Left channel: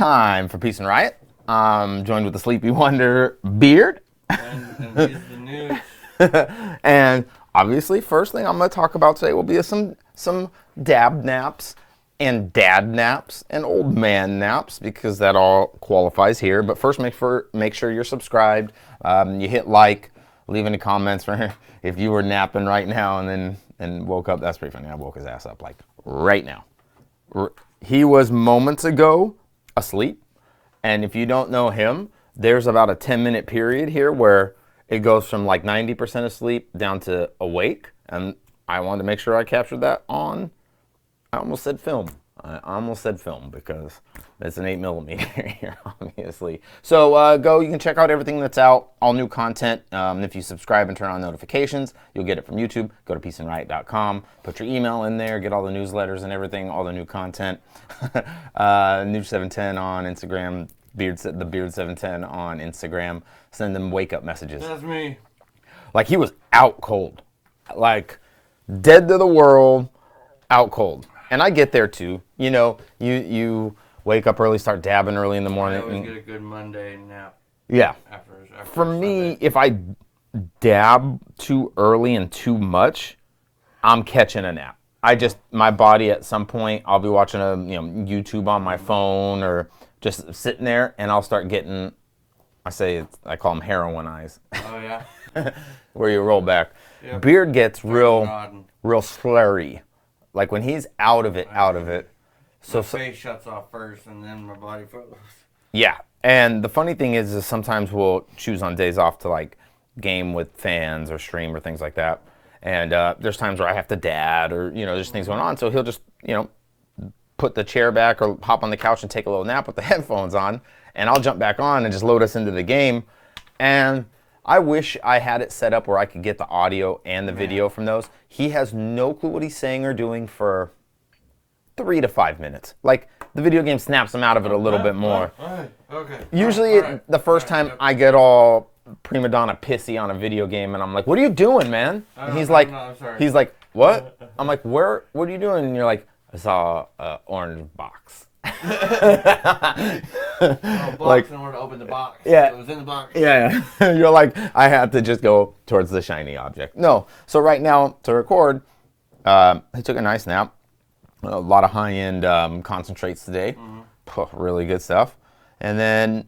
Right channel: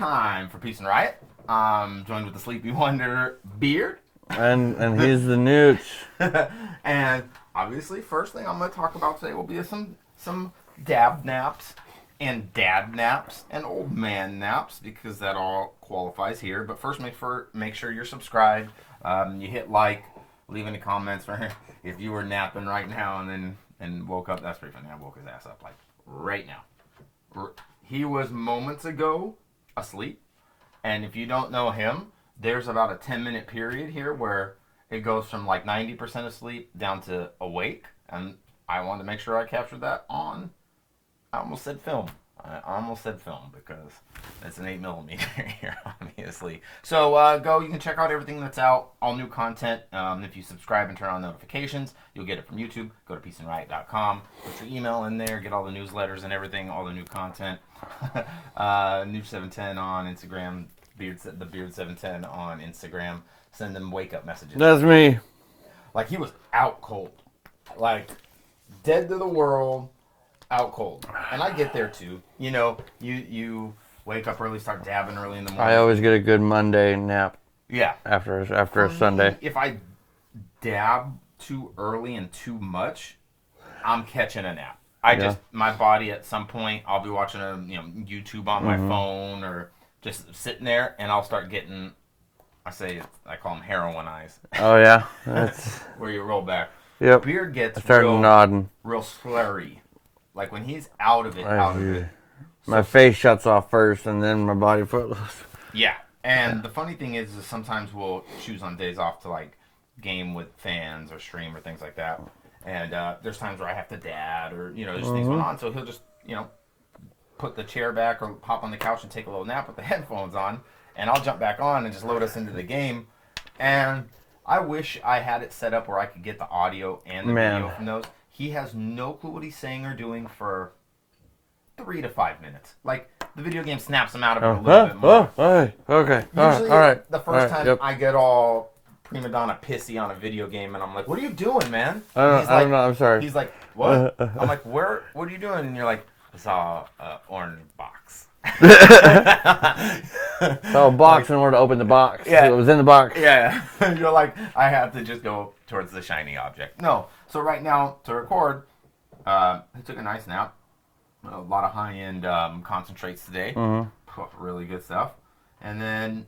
time for Peace and Riot. I'm joined with the Sleepy Wonder Beard. And he's the Nooch. And obviously, first thing I'm going to talk about today will be some dab naps and dad naps and old man naps, because that all qualifies here. But first, make sure you're subscribed. You hit like, leave any comments for if you were napping right now and woke up. That's pretty funny. I woke his ass up like right now. He was moments ago asleep, and if you don't know him, there's about a 10-minute period here where it goes from like 90% asleep down to awake, and I wanted to make sure I captured that on, I almost said film because it's an 8mm here, obviously. So you can check out everything that's out, all new content. If you subscribe and turn on notifications, you'll get it from YouTube. Go to peaceandriot.com, put your email in there, get all the newsletters and everything, all the new content. Nooch710 on Instagram, the Beard710 on Instagram. Send them wake up messages. That's me. Like, he was out cold, like dead to the world, out cold. And I get there too. You know, you wake up early, start dabbing early in the morning. I always get a good Monday nap. Yeah. After For a Sunday. me, if I dab too early and too much, I'm catching a nap. My body at some point, I'll be watching YouTube on my phone or just sitting there, and I'll start getting, I call them heroin eyes. Oh yeah. Where you roll back. Yep. Beard gets real slurry. Like when he's out of it. My face shuts off first, and then my body follows. Yeah, and the funny thing is sometimes we'll choose on days off to like game with fans or stream or things like that. And there's times where I have to dad or there's things going on, so he'll just put the chair back or hop on the couch and take a little nap with the headphones on, and I'll jump back on and just load us into the game. And I wish I had it set up where I could get the audio and the video from those. He has no clue what he's saying or doing for 3 to 5 minutes. Like, the video game snaps him out of it a little bit more. Okay. Usually, the first time I get all prima donna pissy on a video game, and I'm like, "What are you doing, man?" He's like, I'm sorry. He's like, "What?" I'm like, "What are you doing?" And you're like, "I saw an orange box." So a box in order to open the box. Yeah. It was in the box. Yeah. You're like, I have to just go towards the shiny object. No. So right now, to record, he took a nice nap. A lot of high-end concentrates today. Really good stuff. And then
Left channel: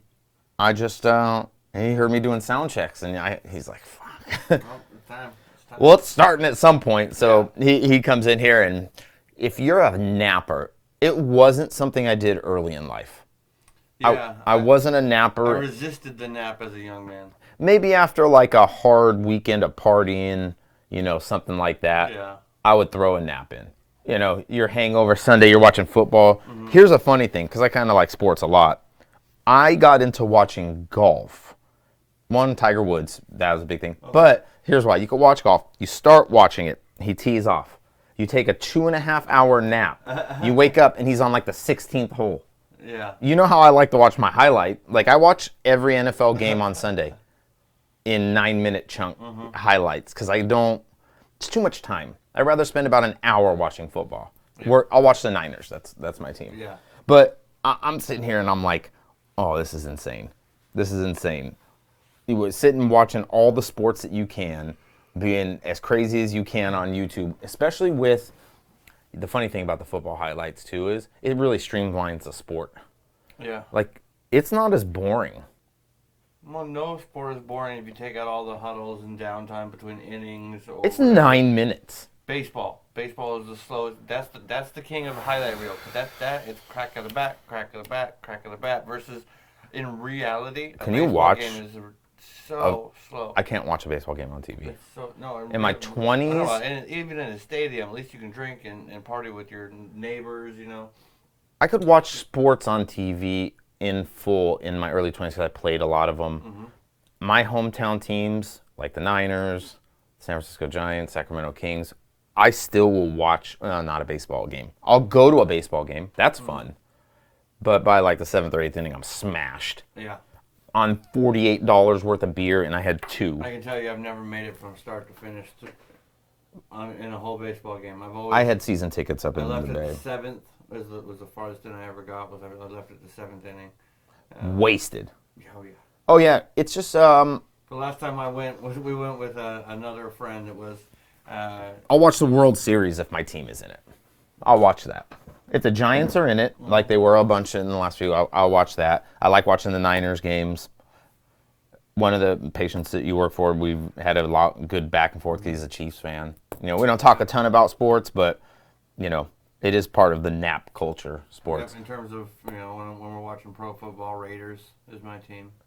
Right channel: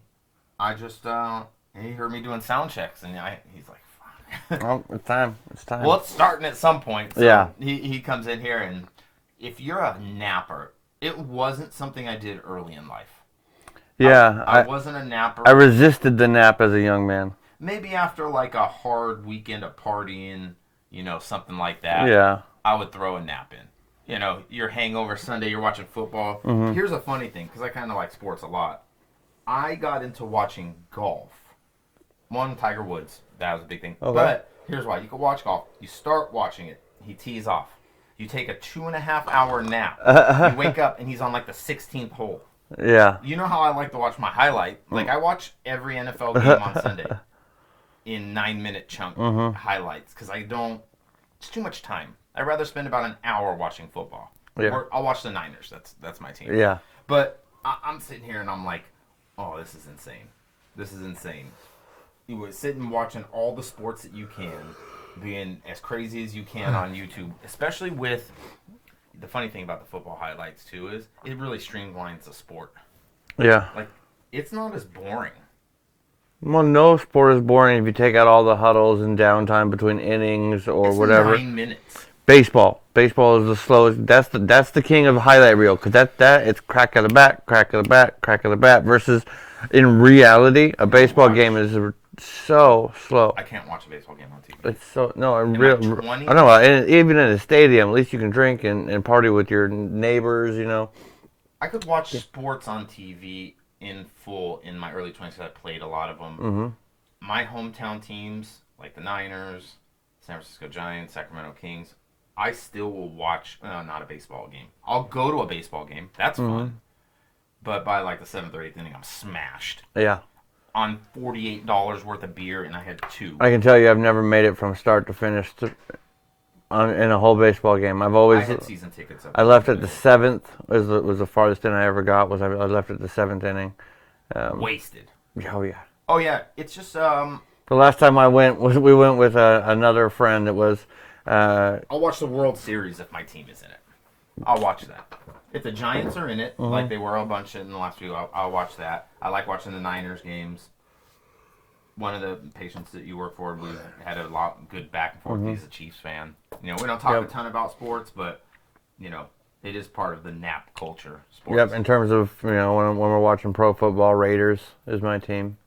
I just, he heard me doing sound checks, and he's like, fuck. Oh, it's time. Well, it's starting at some point. So he comes in here, and if you're a napper, it wasn't something I did early in life. Yeah. I wasn't a napper. I resisted the nap as a young man. Maybe after like a hard weekend of partying, something like that. Yeah. I would throw a nap in. Your hangover Sunday, you're watching football. Here's a funny thing, because I kind of like sports a lot. I got into watching golf. One, Tiger Woods. That was a big thing. Okay. But here's why. You can watch golf. You start watching it. He tees off. You take a 2.5-hour nap. You wake up, and he's on like the 16th hole. Yeah. You know how I like to watch my highlight? Like, I watch every NFL game on Sunday in 9-minute chunk highlights, because it's too much time. I'd rather spend about an hour watching football. Yeah. I'll watch the Niners. That's my team. Yeah. But I'm sitting here and I'm like, oh, this is insane. You would sit and watching all the sports that you can, being as crazy as you can on YouTube, especially with the funny thing about the football highlights too is it really streamlines the sport. Yeah. Like, it's not as boring. Well, no sport is boring if you take out all the huddles and downtime between innings or whatever. 9 minutes. Baseball is the slowest. That's the king of highlight reel, because that it's crack of the bat, crack of the bat, crack of the bat. Versus in reality, a baseball game is so slow. I can't watch a baseball game on TV. It's so in my 20s? I know, and even in a stadium, at least you can drink and party with your neighbors. I could watch sports on TV in full in my early 20s because I played a lot of them. My hometown teams, like the Niners, San Francisco Giants, Sacramento Kings, I still will watch, not a baseball game. I'll go to a baseball game. That's fun. But by like the 7th or 8th inning, I'm smashed. Yeah. On $48 worth of beer, and I had 2. I can tell you I've never made it from start to finish in a whole baseball game. I had season tickets up. I left at the 7th. Was the farthest inning I ever got. I left at the 7th inning. Wasted. Oh yeah. Oh yeah. It's just The last time we went with another friend. It was. I'll watch the World Series if my team is in it. I'll watch that. If the Giants are in it, like they were a bunch in the last few, I'll watch that. I like watching the Niners games. One of the patients that you work for, we've had a lot good back and forth. He's a Chiefs fan. We don't talk a ton about sports, but it is part of the nap culture. Sports. Yep. In terms of when we're watching pro football, Raiders is my team.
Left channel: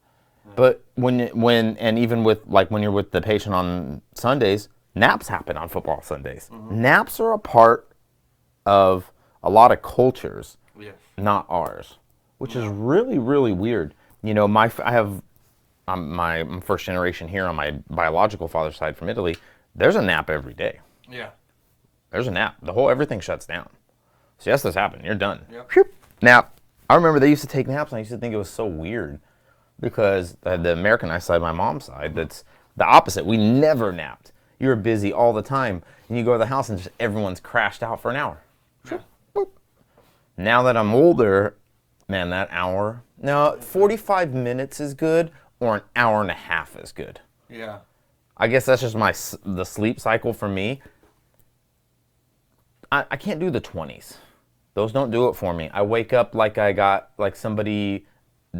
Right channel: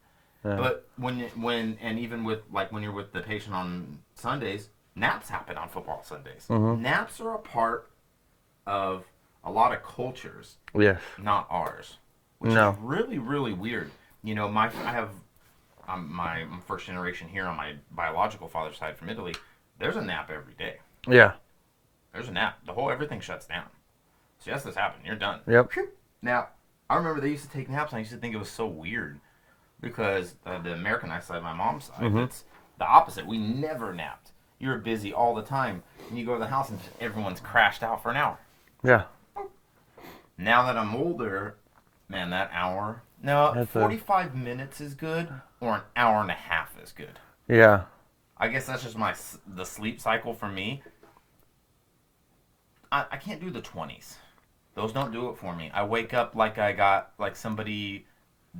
But when and even with when you're with the patient on Sundays, naps happen on football Sundays. Naps are a part of a lot of cultures. Yes. Not ours, which is really, really weird. I'm first generation here on my biological father's side from Italy. There's a nap every day. Yeah. There's a nap. Everything shuts down. Siestas happen. You're done. Yep. Nap. I remember they used to take naps, and I used to think it was so weird because the Americanized side, my mom's side, that's the opposite. We never napped. You were busy all the time, and you go to the house, and just everyone's crashed out for an hour. Yeah. Now that I'm older, man, that hour. No, 45 minutes is good, or an hour and a half is good. Yeah. I guess that's just the sleep cycle for me. I can't do the 20s. Those don't do it for me. I wake up like somebody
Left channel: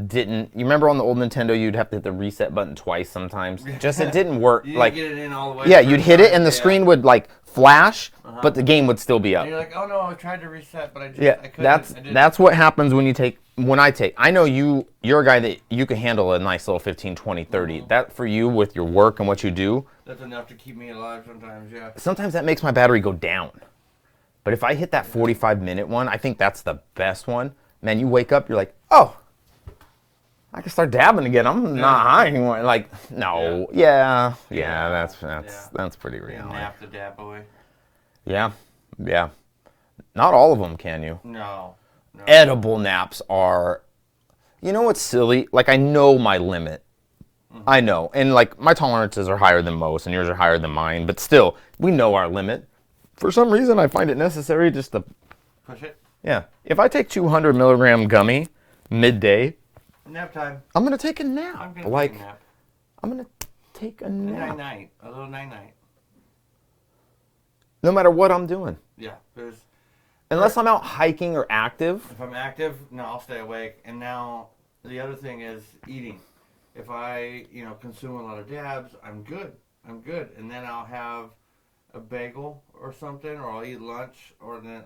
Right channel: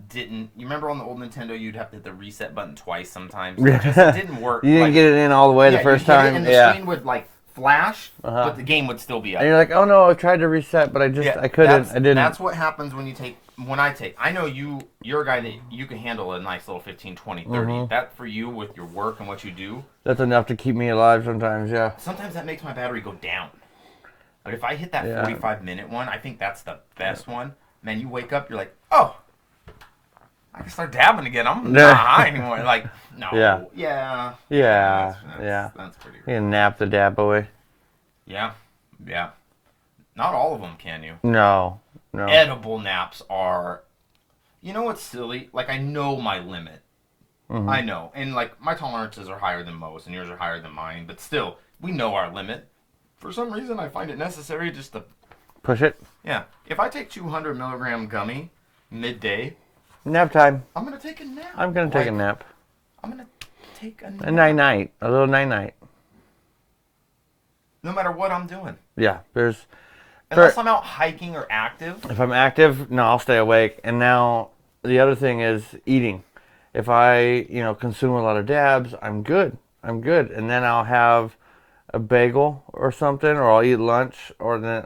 didn't. You remember on the old Nintendo, you'd have to hit the reset button twice sometimes. It didn't work. You didn't get it in all the way. Yeah, you'd hit it and the screen would flash, but the game would still be up. And you're like, oh no, I tried to reset, but I couldn't. I didn't. That's what happens when I know you're a guy that you can handle a nice little 15, 20, 30. That for you with your work and what you do. That's enough to keep me alive sometimes, yeah. Sometimes that makes my battery go down. But if I hit that 45-minute one, I think that's the best one. Man, you wake up, you're like, oh, I can start dabbing again. I'm not high anymore. No. Yeah. That's pretty real. You can nap the dab away. Yeah. Not all of them, can you? No. Edible naps are, what's silly? I know my limit. I know. And, my tolerances are higher than most, and yours are higher than mine. But still, we know our limit. For some reason, I find it necessary just to push it. Yeah. If I take 200 milligram gummy midday, nap time. I'm going to take a nap. I'm going to take a nap. I'm going to take a nap. A night-night. A little night-night. No matter what I'm doing. Yeah. Unless I'm out hiking or active. If I'm active, no, I'll stay awake. And now the other thing is eating. If I, consume a lot of dabs, I'm good. And then I'll have a bagel or something, or I'll eat lunch, or then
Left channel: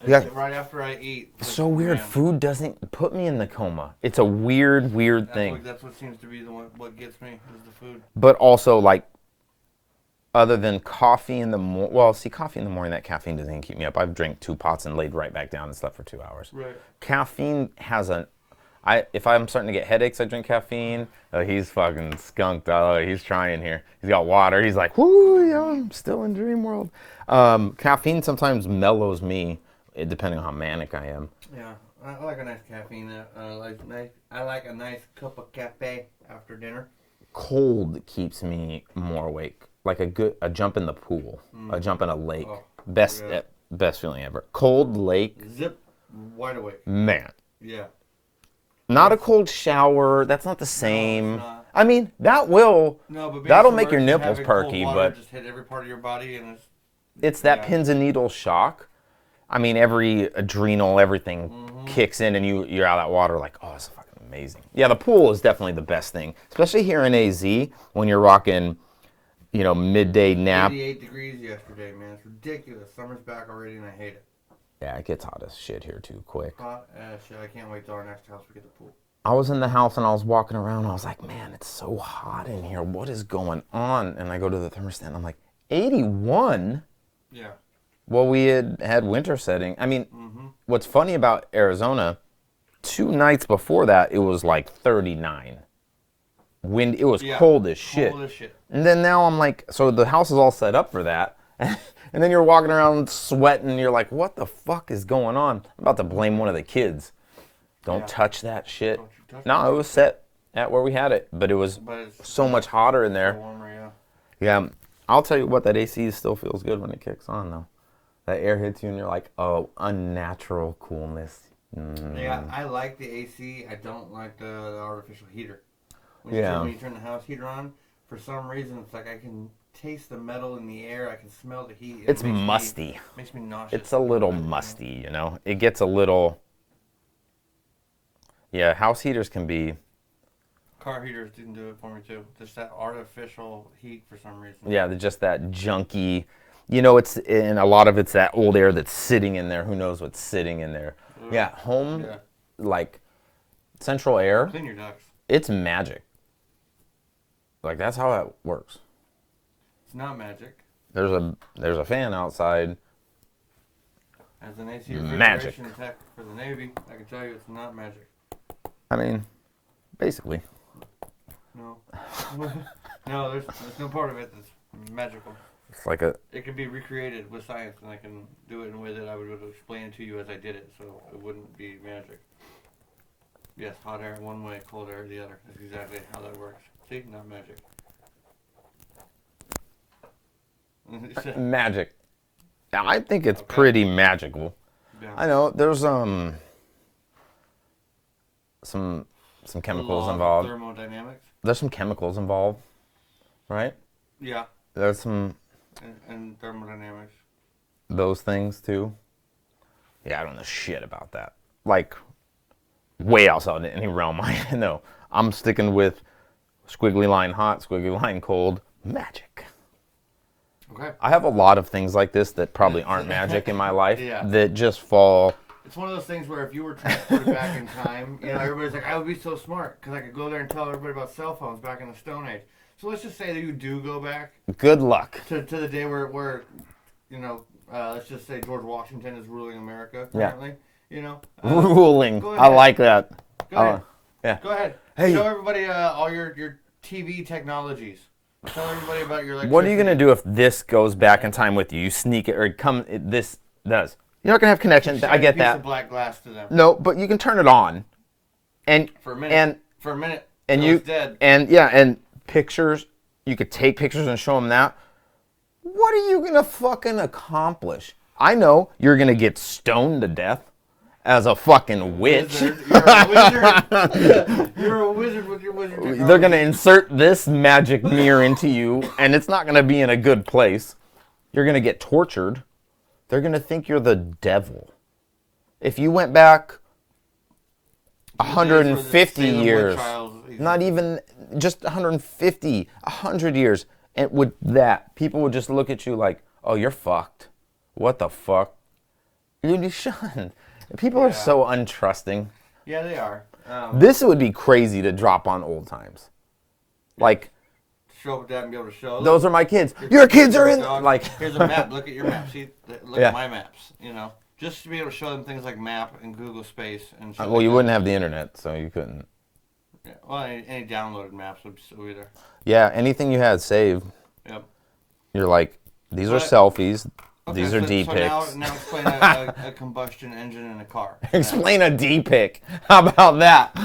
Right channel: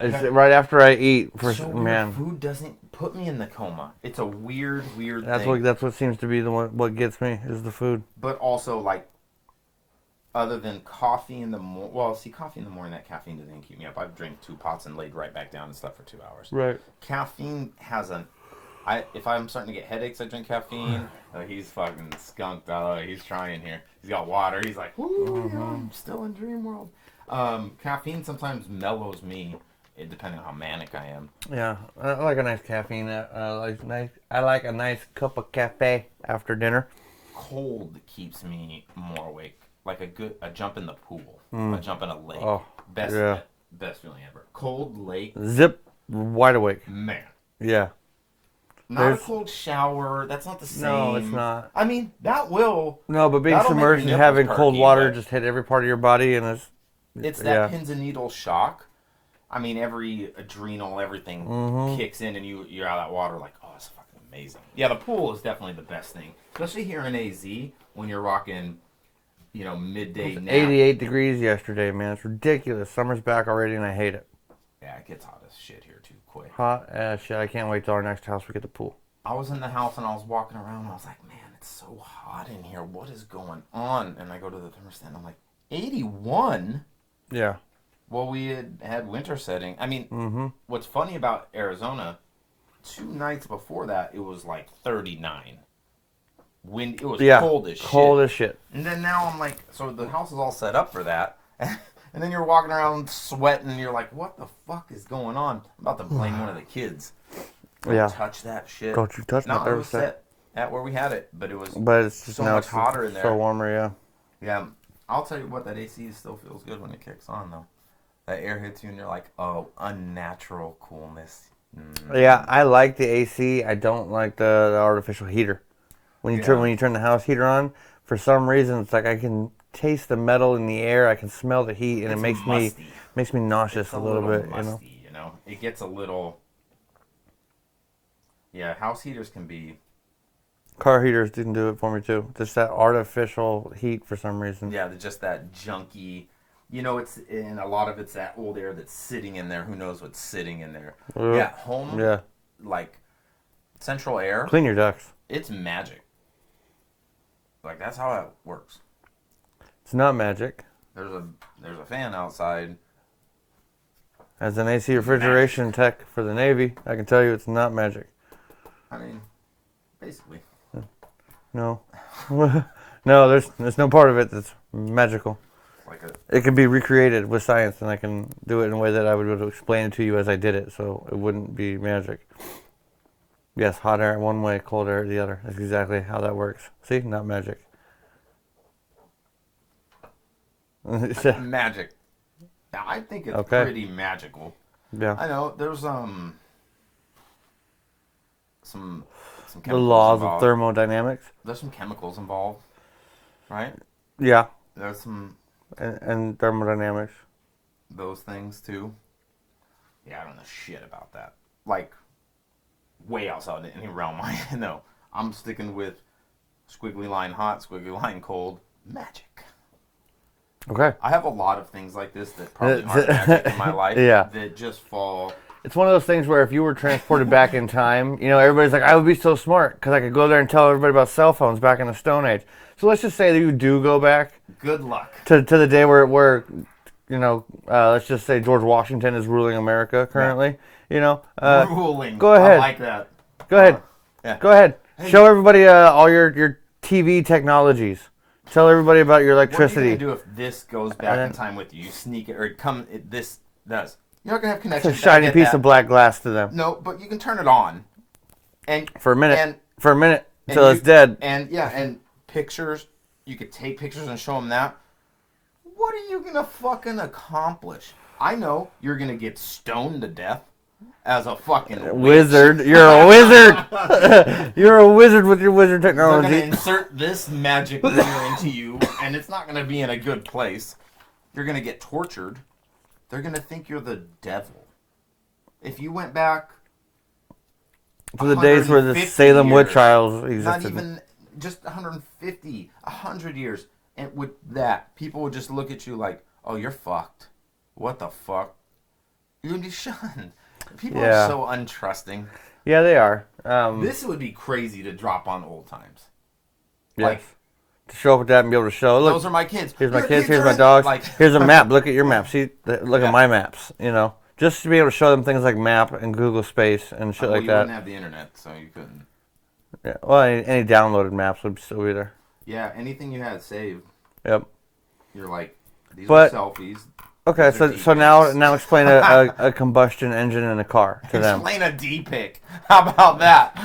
right after I eat. So weird. Food doesn't put me in the coma. It's a weird thing. That's what seems to be what gets me is the food. But also, other than coffee in the morning. Well, see, coffee in the morning, that caffeine doesn't even keep me up. I've drank 2 pots and laid right back down and slept for 2 hours. Right. Caffeine has if I'm starting to get headaches, I drink caffeine. He's fucking skunked. He's trying here. He's got water. He's like, whoo, yeah, I'm still in dream world. Caffeine sometimes mellows me, depending on how manic I am. Yeah, I like a nice caffeine. I like a nice cup of cafe after dinner. Cold keeps me more awake. Like a jump in the pool, a jump in a lake. Oh, best feeling ever. Cold lake. Zip, wide awake. Man. Yeah. Not a cold shower. That's not the same. No, it's not. I mean, that will. No, but being submerged and having cold water just hit every part of your body, and it's that pins and needles shock. I mean, every adrenal, everything kicks in, and you're out of that water like, oh, it's fucking amazing. Yeah, the pool is definitely the best thing, especially here in AZ when you're rocking, midday nap. 88 degrees yesterday, man. It's ridiculous. Summer's back already, and I hate it. Yeah, it gets hot as shit here too quick. Hot as shit. I can't wait till our next house we get the pool. I was in the house and I was walking around and I was like, man, it's so hot in here. What is going on? And I go to the thermostat and I'm like, 81? Yeah. Well, we had winter setting. I mean, what's funny about Arizona, 2 nights before that, it was 39. Wind. It was cold as shit. Cold as shit. And then now I'm like, so the house is all set up for that. And then you're walking around sweating, and you're like, what the fuck is going on? I'm about to blame one of the kids. Don't touch that shit. Don't you touch that. No, it was set at where we had it, but it was so much hotter in there. So warmer, yeah. Yeah. I'll tell you what, that AC still feels good when it kicks on, though. That air hits you and you're like, oh, unnatural coolness. Yeah, I like the AC. I don't like the artificial heater. When you turn the house heater on, for some reason, it's like I can taste the metal in the air. I can smell the heat, and It's musty. Makes me nauseous. It's a little bit, musty, you know? It gets a little... Yeah, house heaters can be... Car heaters didn't do it for me, too. Just that artificial heat for some reason. Yeah, just that junky... You know, and a lot of it's that old air that's sitting in there. Who knows what's sitting in there? Yeah, home, like, central air. Clean your ducts. It's magic. Like, that's how that works. It's not magic. There's a fan outside. As an AC refrigeration tech for the Navy, I can tell you it's not magic. I mean, basically. No. No, there's no part of it that's magical. Like it can be recreated with science, and I can do it in a way that I would be able to explain it to you as I did it, so it wouldn't be magic. Yes, hot air one way, cold air the other. That's exactly how that works. See, not magic. Magic. Yeah, I think it's pretty magical. Yeah. I know there's some chemicals the laws involved. of thermodynamics. There's some chemicals involved, right? Yeah. There's some. And thermodynamics. Those things too. Yeah, I don't know shit about that. Like, way outside any realm I know. I'm sticking with squiggly line hot, squiggly line cold, magic. Okay. I have a lot of things like this that probably aren't magic in my life. Yeah. That just fall. It's one of those things where if you were transported back in time, you know, everybody's like, I would be so smart because I could go there and tell everybody about cell phones back in the Stone Age. So let's just say that you do go back. Good luck. To the day where you know, let's just say George Washington is ruling America currently. Yeah. You know. Ruling. Go ahead. I like that. Go ahead. Yeah. Go ahead. Hey. Show everybody all your TV technologies. Tell everybody about your electricity. What are you going to do if this goes back in time with you? You sneak it, or this does. You're not going to have connections. It's a shiny piece of black glass to them. No, but you can turn it on. And for a minute. And until it's dead. And pictures, you could take pictures and show them that. What are you going to fucking accomplish? I know you're going to get stoned to death as a fucking wizard. You're a wizard. You're a wizard with your wizard technology. They're going to insert this magic mirror into you, and it's not going to be in a good place. You're going to get tortured. They're going to think you're the devil. If you went back to the days where the Salem witch trials existed. Not even just 150, 100 years, and with that, people would just look at you like, oh, you're fucked. What the fuck? You'd be shunned. People are so untrusting. Yeah, they are. This would be crazy to drop on old times. Yes. Like, to show up with that and be able to show. Look, those are my kids. Your kids here's are my dogs. Like, here's a map. Look at your map. See, look at my maps. You know, just to be able to show them things like map and Google Space and shit like that. Well, you wouldn't have the internet, so you couldn't. Yeah. Well, any downloaded maps would still be there. Yeah, anything you had saved. Yep. You're like, these are selfies. Okay, these are so now explain a combustion engine in a car. Explain a D-pick. How about that?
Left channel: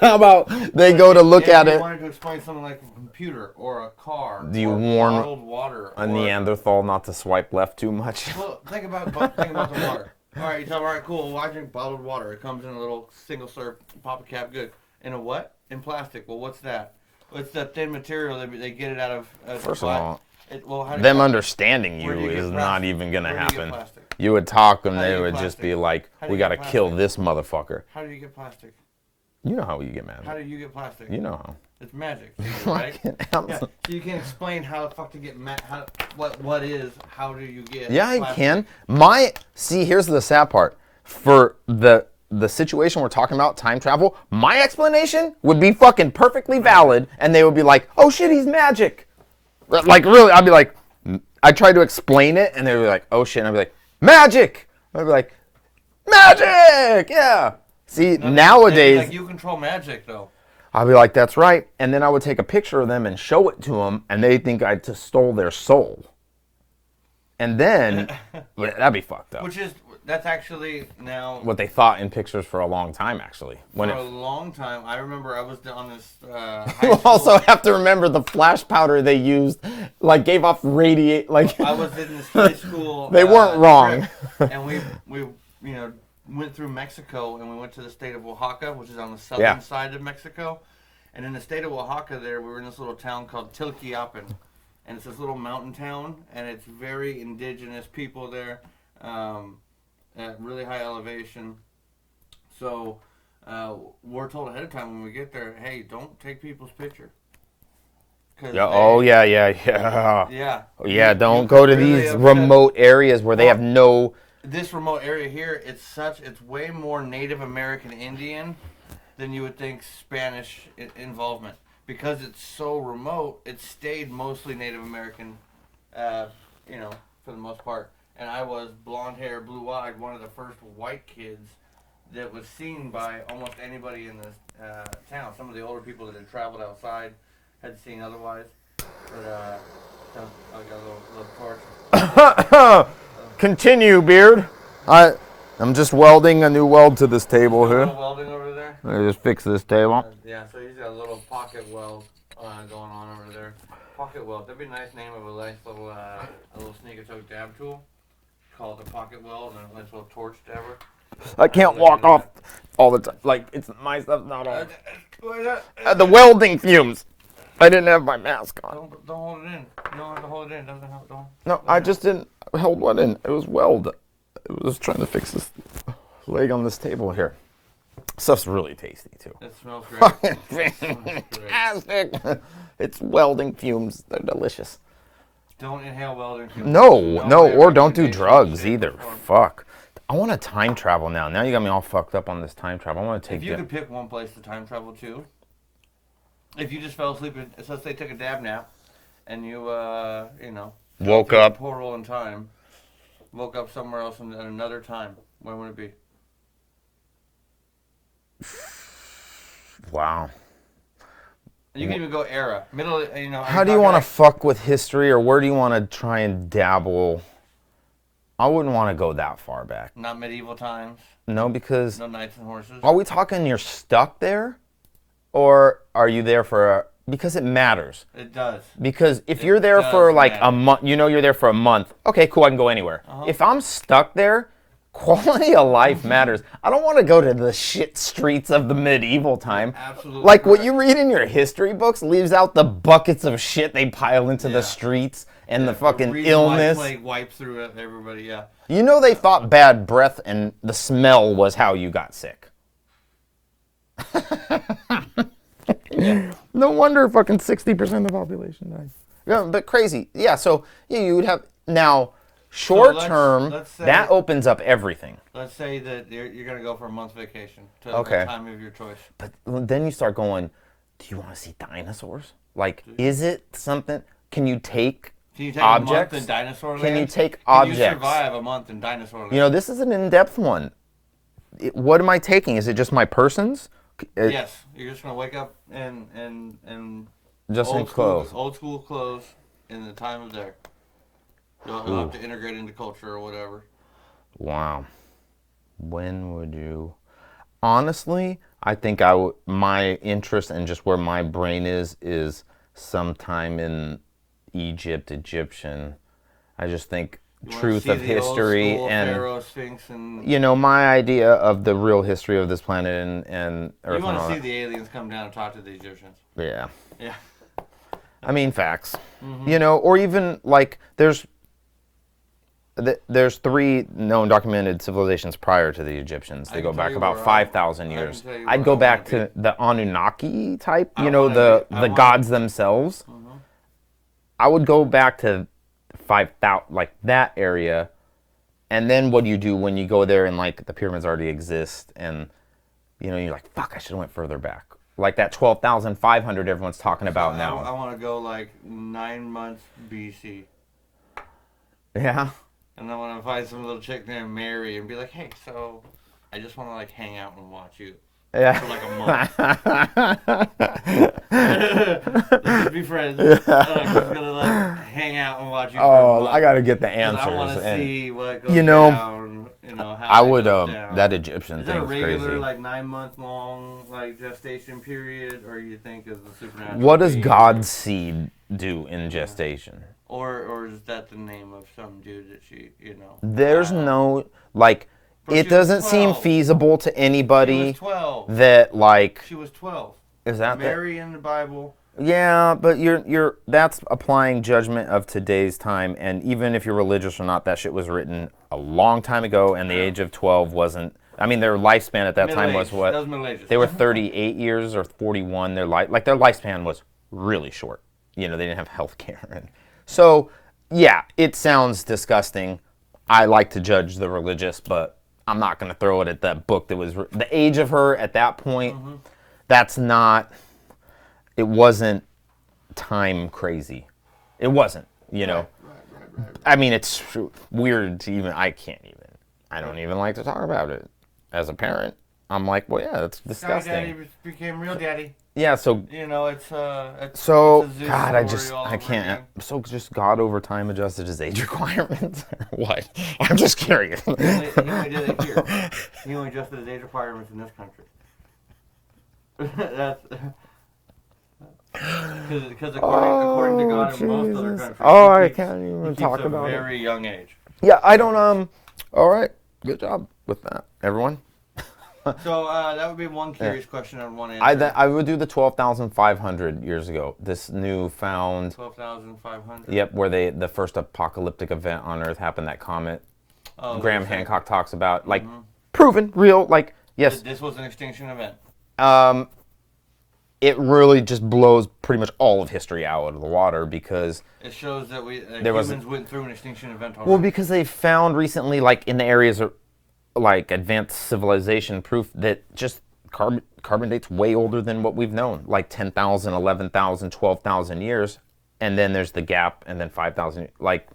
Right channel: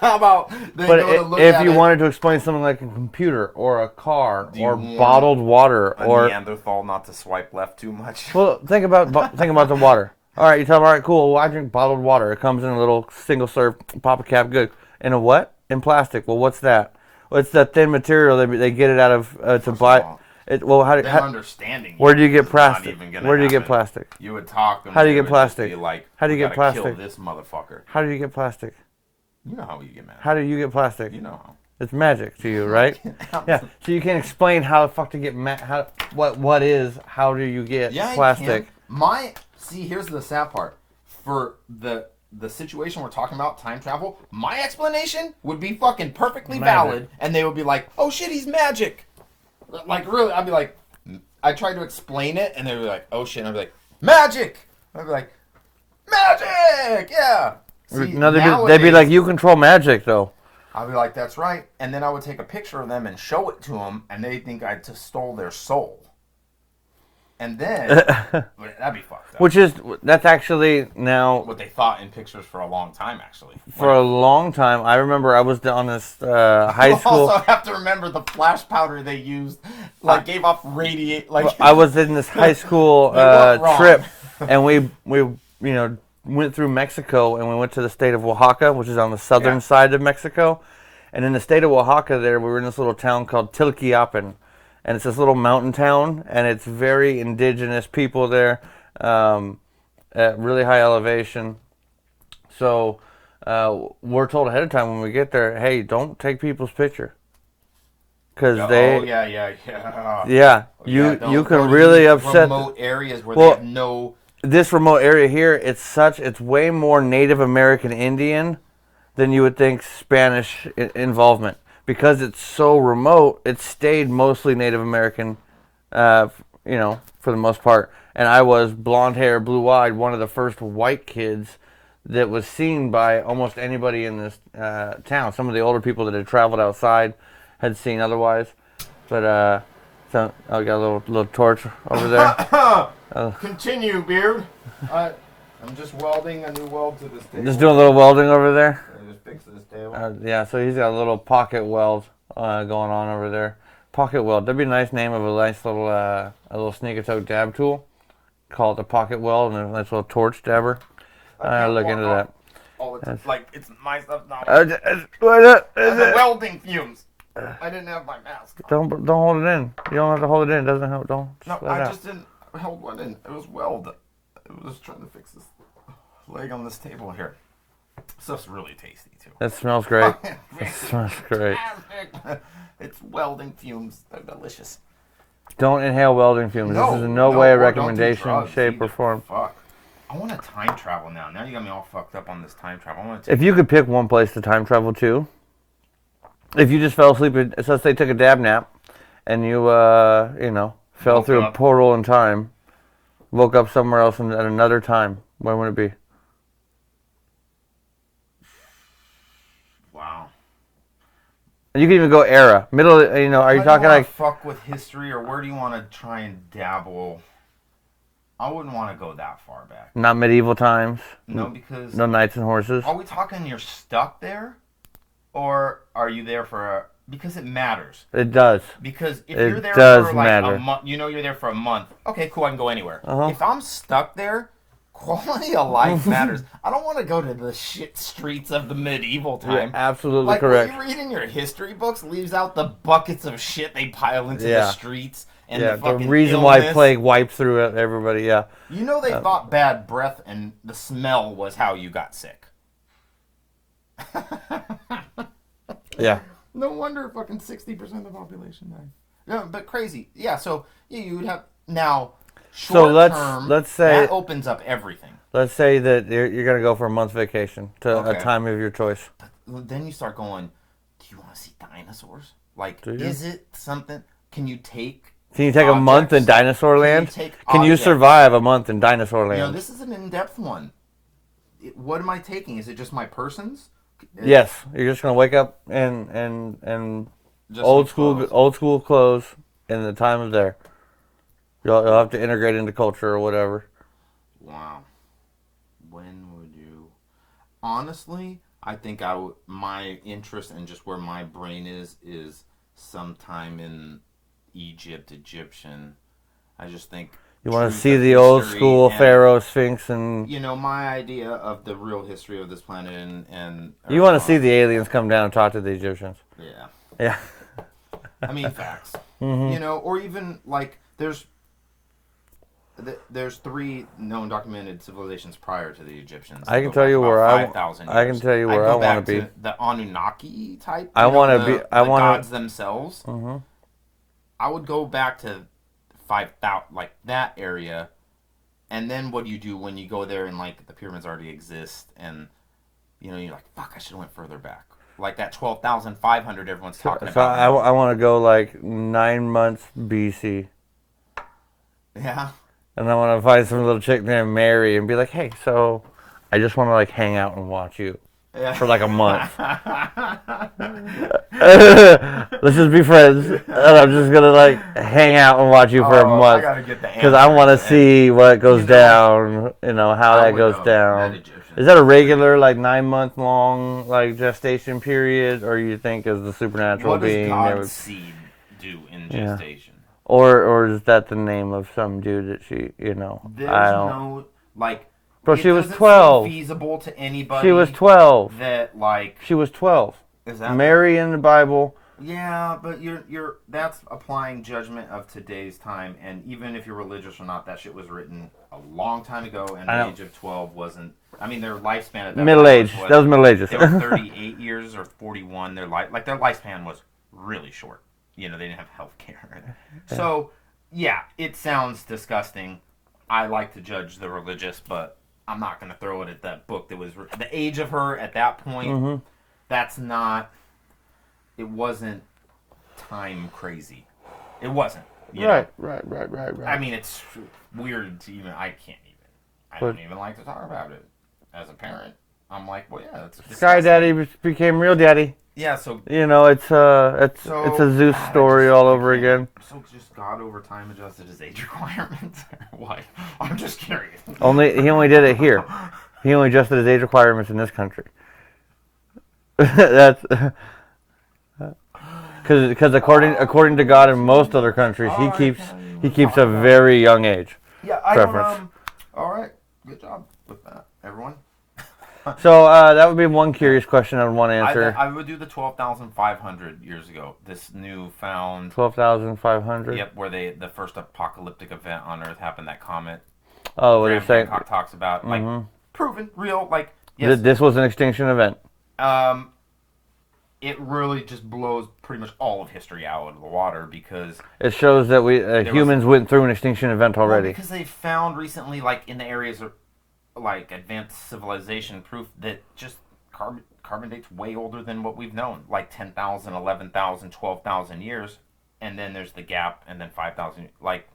How about go to look at it? If you wanted to explain something like a computer or a car or bottled water or Neanderthal not to swipe left too much. Well, think about the water. All right, you tell them, all right, cool. Well, I drink bottled water. It comes in a little single serve, pop a cap, good. In a what? In plastic. Well, what's that? Well, it's that thin material they get it out of to buy. Understanding where do you get plastic? Not even gonna where do you happen. get plastic? You would talk and how do you they get would plastic? just be like, how do you we get gotta plastic? kill this motherfucker. How do you get plastic? You know how you get mad. How do you get plastic? You know how. It's magic to you, right? Yeah. So you can't explain how the fuck to get what is, how do you get plastic? Yeah, I can. Here's the sad part. For the situation we're talking about, time travel, my explanation would be fucking perfectly valid, and they would be like, oh shit, he's magic. Like, really, I'd be like, I try to explain it, and they'd be like, oh shit, and I'd be like, magic! I'd be like, magic! Yeah! See, nowadays... They'd be like, you control magic, though. I'd be like, that's right. And then I would take a picture of them and show it to them, and they think I just stole their soul. And then, that'd be fucked up. That's actually now What they thought in pictures for a long time, actually. for a long time. I remember I was on this high You school. also have to remember the flash powder they used, like gave off radiate. Like I was in this high school They weren't wrong. trip, and we went through Mexico, and we went to the state of Oaxaca, which is on the southern side of Mexico. And in the state of Oaxaca, we were in this little town called Tilquiapan. And it's this little mountain town, and it's very indigenous people there, at really high elevation. So we're told ahead of time when we get there, hey, don't take people's picture. Cause yeah, don't go to really these upset remote areas where they have no. This remote area here, it's way more Native American Indian than you would think Spanish involvement. Because it's so remote, it stayed mostly Native American, for the most part. And I was blonde hair, blue-eyed, one of the first white kids that was seen by almost anybody in this town. Some of the older people that had traveled outside had seen otherwise. But so I got a little torch over there. Continue, Beard. I'm just welding a new weld to this table. Just doing a little welding over there. I just fix this table. So he's got a little pocket weld going on over there. Pocket weld. That'd be a nice name of a nice little a little sneak attack dab tool. Call it the pocket weld, and a nice little torch dabber. I can't walk off all the time. Like it's my stuff now. The welding fumes. I didn't have my mask on. Don't hold it in. You don't have to hold it in. It doesn't help. Don't. No, I just didn't hold one in. It was weld. I was trying to fix this leg on this table here. Stuff's really tasty too. That smells great. It smells great. It's welding fumes. They're delicious. Don't inhale welding fumes. No, or don't do drugs either. Form. Fuck. I want to time travel now. Now you got me all fucked up on this time travel. I want to. If you could pick one place to time travel to, if you just fell asleep, let's say took a dab nap, and you fell through a portal in time. Woke up somewhere else at another time. Where would it be? Wow. And you can even go era. Middle, are you How talking do you want like... to fuck with history, or where do you want to try and dabble? I wouldn't want to go that far back. Not medieval times? No, because... No knights and horses? Are we talking you're stuck there? Or are you there for a... Because it matters. It does. Because if you're there for like a month, you're there for a month. Okay, cool, I can go anywhere. If I'm stuck there, quality of life matters. I don't want to go to the shit streets of the medieval time. You're absolutely like correct. What you read in your history books leaves out the buckets of shit they pile into the streets and the fucking reason illness. why plague wiped through everybody. Yeah. You know they thought bad breath and the smell was how you got sick. Yeah. No wonder fucking 60% of the population died. Yeah, but crazy. Yeah, so you would have now short term. Let's say that opens up everything. Let's say that you're gonna go for a month vacation to a time of your choice. But then you start going, do you want to see dinosaurs? Like, is it something? Can you take? Can you take a month in dinosaur land? Can you survive a month in dinosaur land? This is an in-depth one. What am I taking? Is it just my persons? Yes, you're just gonna wake up and just old school clothes in the time of there. You'll have to integrate into culture or whatever. Wow. When would you? Honestly, I think my interest and just where my brain is sometime in Egyptian. I just think. You want to see the old school Pharaoh, Sphinx, and... my idea of the real history of this planet and you want to see the aliens come down and talk to the Egyptians. Yeah. Yeah. I mean, facts. Or even, like, there's 3 known documented civilizations prior to the Egyptians. I can tell you where 5,000 years. I can tell you where I'd go back to the Anunnaki type, the gods themselves. I would go back to 5,000, like that area, and then what do you do when you go there and like the pyramids already exist, and you're like, fuck, I should have went further back, like that 12,500 everyone's talking about. I want to go like 9 months BC. Yeah. And I want to find some little chick named Mary and be like, hey, so I just want to like hang out and watch you. for like a month. Let's just be friends. And I'm just gonna like hang out and watch you for a month. I gotta get the answer because I want to see what goes down. How it goes down. That Egyptian. Is that a regular like 9-month long like gestation period, or you think is the supernatural? What does God's seed do in gestation? Yeah. Or is that the name of some dude that she There's no like. But it doesn't seem feasible to anybody. She was 12. That like she was 12. Is that Mary in the Bible? Yeah, but you're that's applying judgment of today's time, and even if you're religious or not, that shit was written a long time ago, and the age of 12 wasn't. I mean, their lifespan at that middle time age. was what? That was Middle Ages. They were 38 years or 41. Their lifespan was really short. They didn't have health care. So, yeah, it sounds disgusting. I like to judge the religious, but I'm not going to throw it at that book that was the age of her at that point. Mm-hmm. That's not. It wasn't time crazy. It wasn't. Right. I mean, it's weird to even. I can't even. I don't even like to talk about it. As a parent, I'm like, well, yeah, that's disgusting. Sky Daddy became real daddy. Yeah, so it's a Zeus story all over again. So just God over time adjusted his age requirements, or what? I'm just curious. He only did it here. He only adjusted his age requirements in this country. That's because according to God in most other countries, he keeps a very young age. Yeah, I don't. All right, good job with that, everyone. So that would be one curious question I would want to answer. I would do the 12,500 years ago. This newfound 12,500. Yep, where the first apocalyptic event on Earth happened. That comet. Oh, Graham Hancock talks about like proven real. Like yes, this was an extinction event. It really just blows pretty much all of history out of the water because it shows that we humans went through an extinction event already. Well, because they found recently, like in the areas of like advanced civilization, proof that just carbon date's way older than what we've known, like 10,000, 11,000, 12,000 years, and then there's the gap, and then 5,000. Like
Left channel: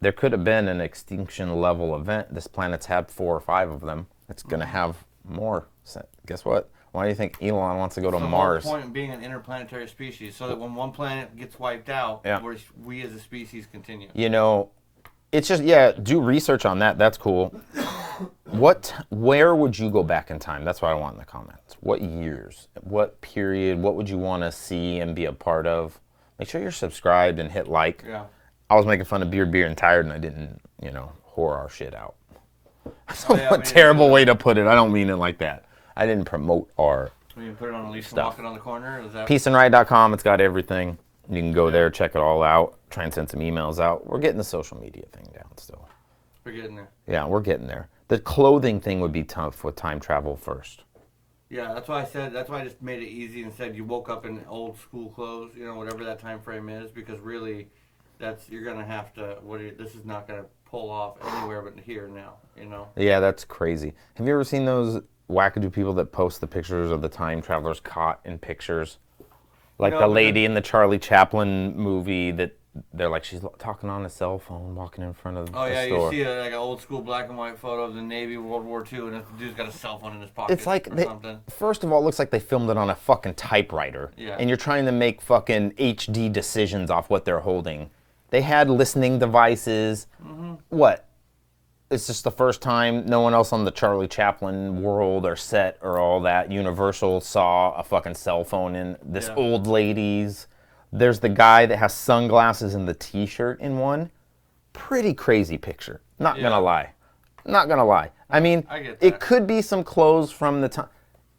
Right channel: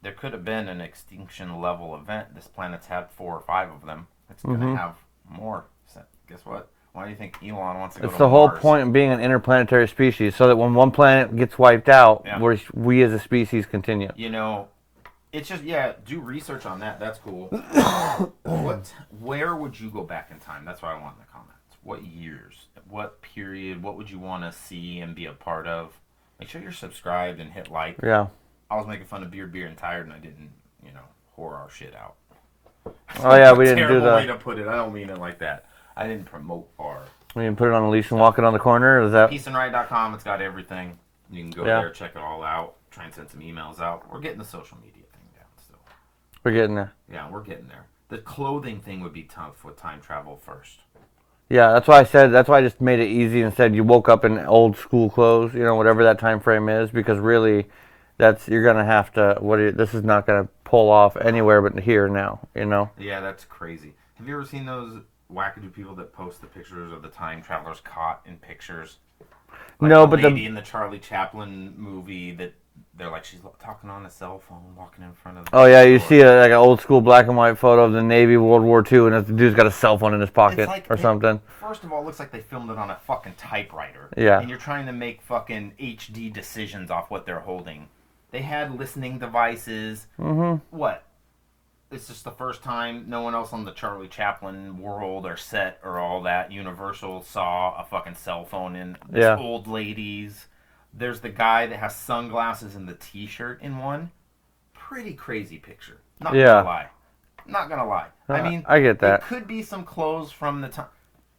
there could have been an extinction level event. This planet's had 4 or 5 of them. It's gonna have more. So guess what? Why do you think Elon wants to go to Mars? The whole point of being an interplanetary species, so that when one planet gets wiped out, we as a species continue. It's just, do research on that. That's cool. Where would you go back in time? That's what I want in the comments. What years? What period? What would you want to see and be a part of? Make sure you're subscribed and hit like. Yeah. I was making fun of Beer, and Tired, and I didn't, whore our shit out. Oh, yeah, we didn't terrible way to put it. I don't mean it like that. I didn't promote our. We didn't put it on a leash and walk it on the corner? Is that peaceandriot.com. It's got everything. You can go there, check it all out, try and send some emails out. We're getting the social media thing down still. We're getting there. Yeah, we're getting there. The clothing thing would be tough with time travel first. Yeah, that's why I just made it easy and said you woke up in old school clothes, whatever that time frame is, because really you're going to have to, this is not going to pull off anywhere but here now, Yeah, that's crazy. Have you ever seen those wackadoo people that post the pictures of the time travelers caught in pictures? Like the lady in the Charlie Chaplin movie that they're like, she's talking on a cell phone, walking in front of the Oh, yeah, you see like an old school black and white photo of the Navy World War II, and the dude's got a cell phone in his pocket something. First of all, it looks like they filmed it on a fucking typewriter. Yeah. And you're trying to make fucking HD decisions off what they're holding. They had listening devices. Mm-hmm. What? It's just the first time no one else on the Charlie Chaplin world or set or all that Universal saw a fucking cell phone in this old lady's. There's the guy that has sunglasses and the T-shirt in one. Pretty crazy picture. Not gonna lie. I mean, I get that. It could be some clothes from the time.